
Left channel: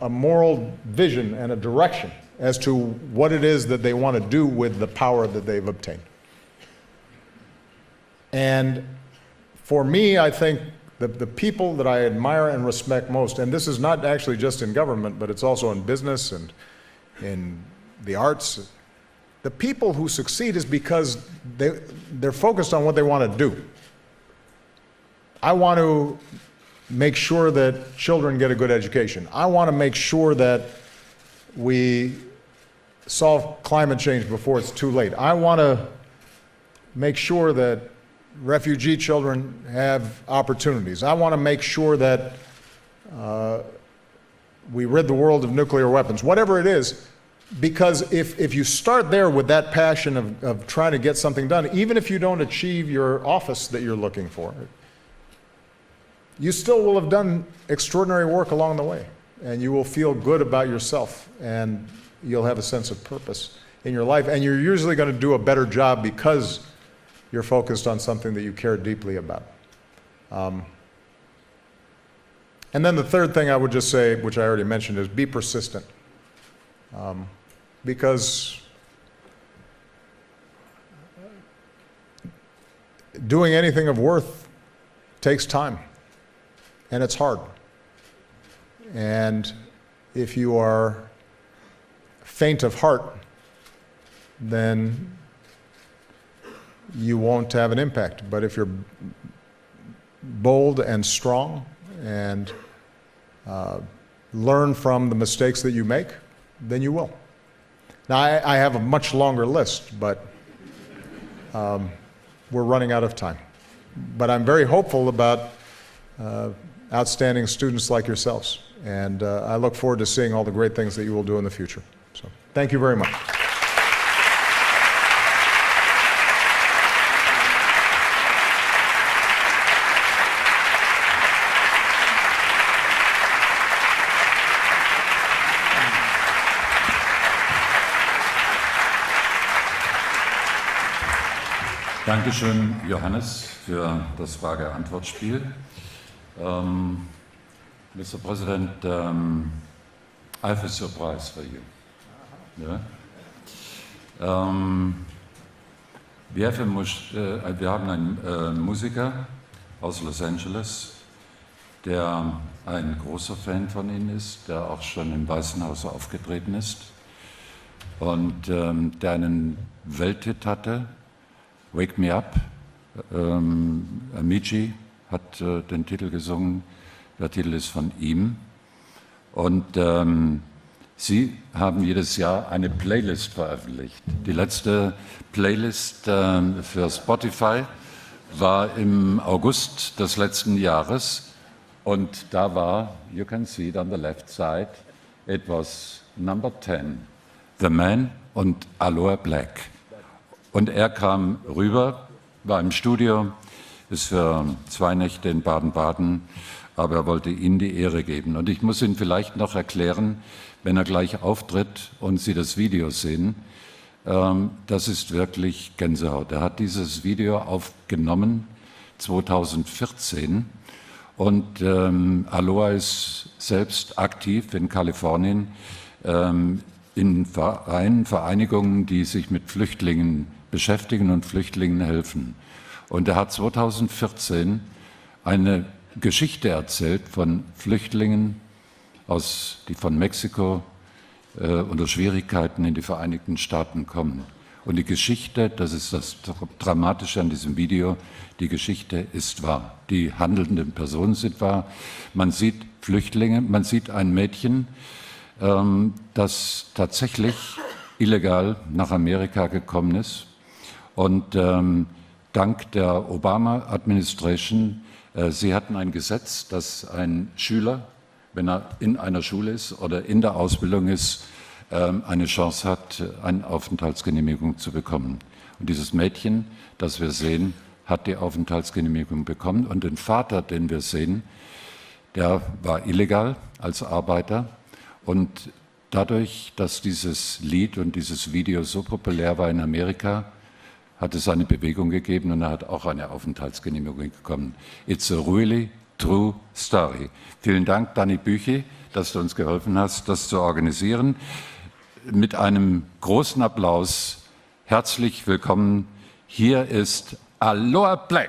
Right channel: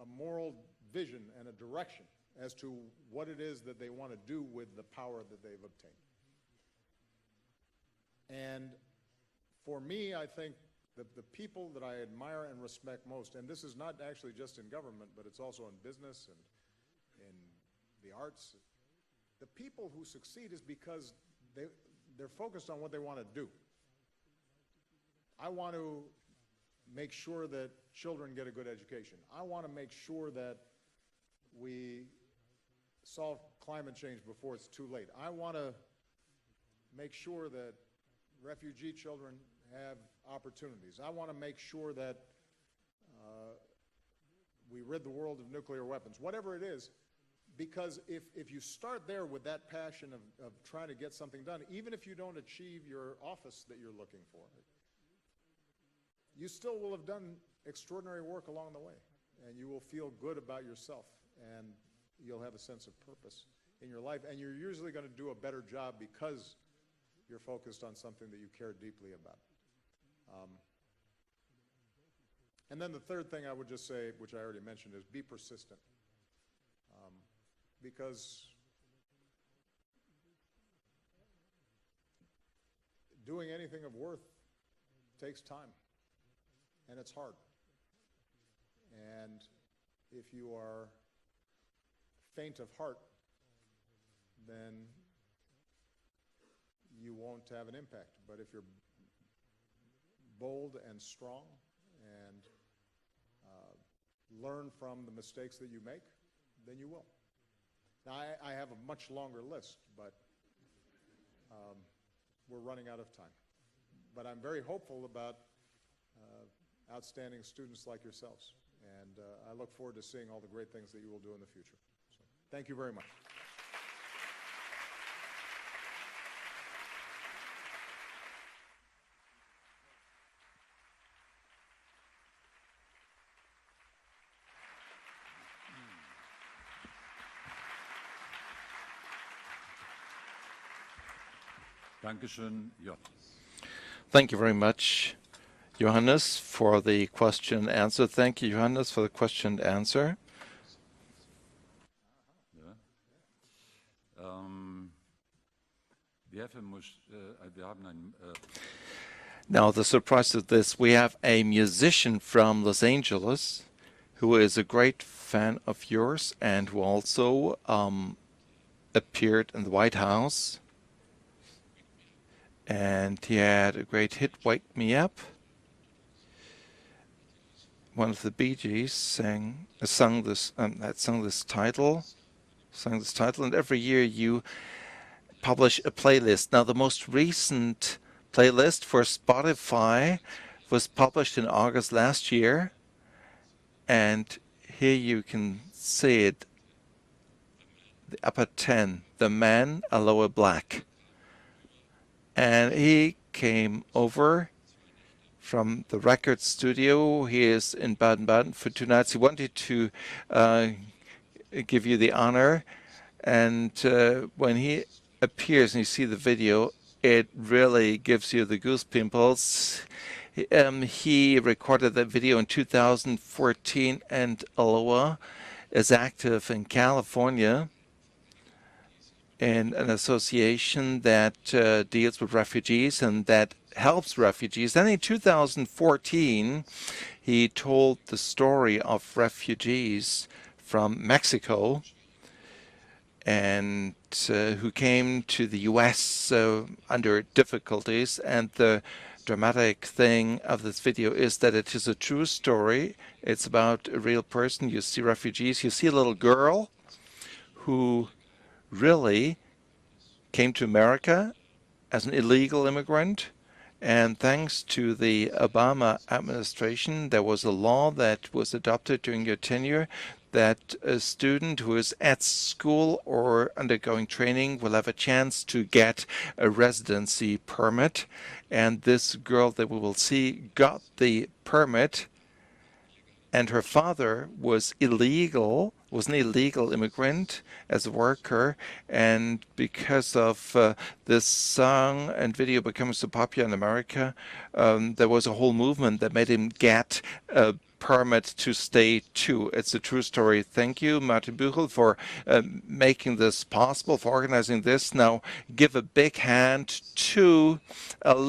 a moral vision and a direction as to what it is that they want to do with the power that they've obtained. And for me, I think the people that I admire and respect most, and this is not actually just in government, but it's also in business and in the arts, the people who succeed is because they're focused on what they want to do. I want to make sure that children get a good education. I want to make sure that we solve climate change before it's too late. I want to make sure that refugee children have opportunities. I want to make sure that we rid the world of nuclear weapons, whatever it is, because if you start there with that passion of trying to get something done, even if you don't achieve your office that you're looking for, you still will have done extraordinary work along the way, and you will feel good about yourself, and you'll have a sense of purpose in your life, and you're usually going to do a better job because you're focused on something that you care deeply about. And then the third thing I would just say, which I already mentioned, is be persistent. Because doing anything of worth takes time, and it's hard. And if you are faint of heart, then you won't have an impact. But if you're bold and strong and learn from the mistakes that you make, then you will. Now, I have a much longer list, but we're running out of time. But I'm very hopeful about outstanding students like yourselves, and I look forward to seeing all the great things that you will do in the future. So, thank you very much. Dankeschön, Johannes, für Thank you very much, Johannes, for the question and answer. Thank you, Johannes, for the question and answer. I have a surprise for you. Yeah? Wir haben einen Musiker. Now, the surprise is this. We have a musician from Los Angeles who is a great fan of yours and who also appeared in the White House. Wake Me Up. And he had a great hit, Wake Me Up. Hat den Titel gesungen. Der Titel ist von ihm. Und Sie haben jedes Jahr eine Playlist veröffentlicht. Die letzte Playlist für Spotify war im August des letzten Jahres. Und da war, you can see it on the left side, it was number 10. The Man und Aloe Black. Und er kam rüber, war im Studio, ist für 2 Nächte in Baden-Baden, aber er wollte ihm die Ehre geben. Und ich muss ihn vielleicht noch erklären, wenn er gleich auftritt und Sie das Video sehen, das ist wirklich Gänsehaut. Er hat dieses Video aufgenommen 2014 und Aloe ist selbst aktiv in Kalifornien. In Vereinigungen, die sich mit Flüchtlingen beschäftigen und Flüchtlingen helfen. Und er hat 2014 eine Geschichte erzählt von Flüchtlingen von Mexiko, unter Schwierigkeiten in die Vereinigten Staaten kommen. Und die Geschichte, das ist das Dramatische an diesem Video, die Geschichte ist wahr. Die handelnden Personen sind wahr. Man sieht Flüchtlinge, man sieht ein Mädchen, das tatsächlich illegal nach Amerika gekommen ist. Und dank der Obama-Administration, sie hatten ein Gesetz, dass ein Schüler, wenn er in einer Schule ist oder in der Ausbildung ist, eine Chance hat, eine Aufenthaltsgenehmigung zu bekommen. Dieses Mädchen, das wir sehen, hat die Aufenthaltsgenehmigung bekommen und den Vater, den wir sehen, der war illegal als Arbeiter und dadurch, dass dieses Lied und dieses Video so populär war in Amerika, hat es eine Bewegung gegeben und er hat auch eine Aufenthaltsgenehmigung bekommen. It's a really true story. Vielen Dank, Dani Büchi, dass du uns geholfen hast, das zu organisieren. Mit einem großen Applaus. Herzlich willkommen. Hier ist Aloha Black.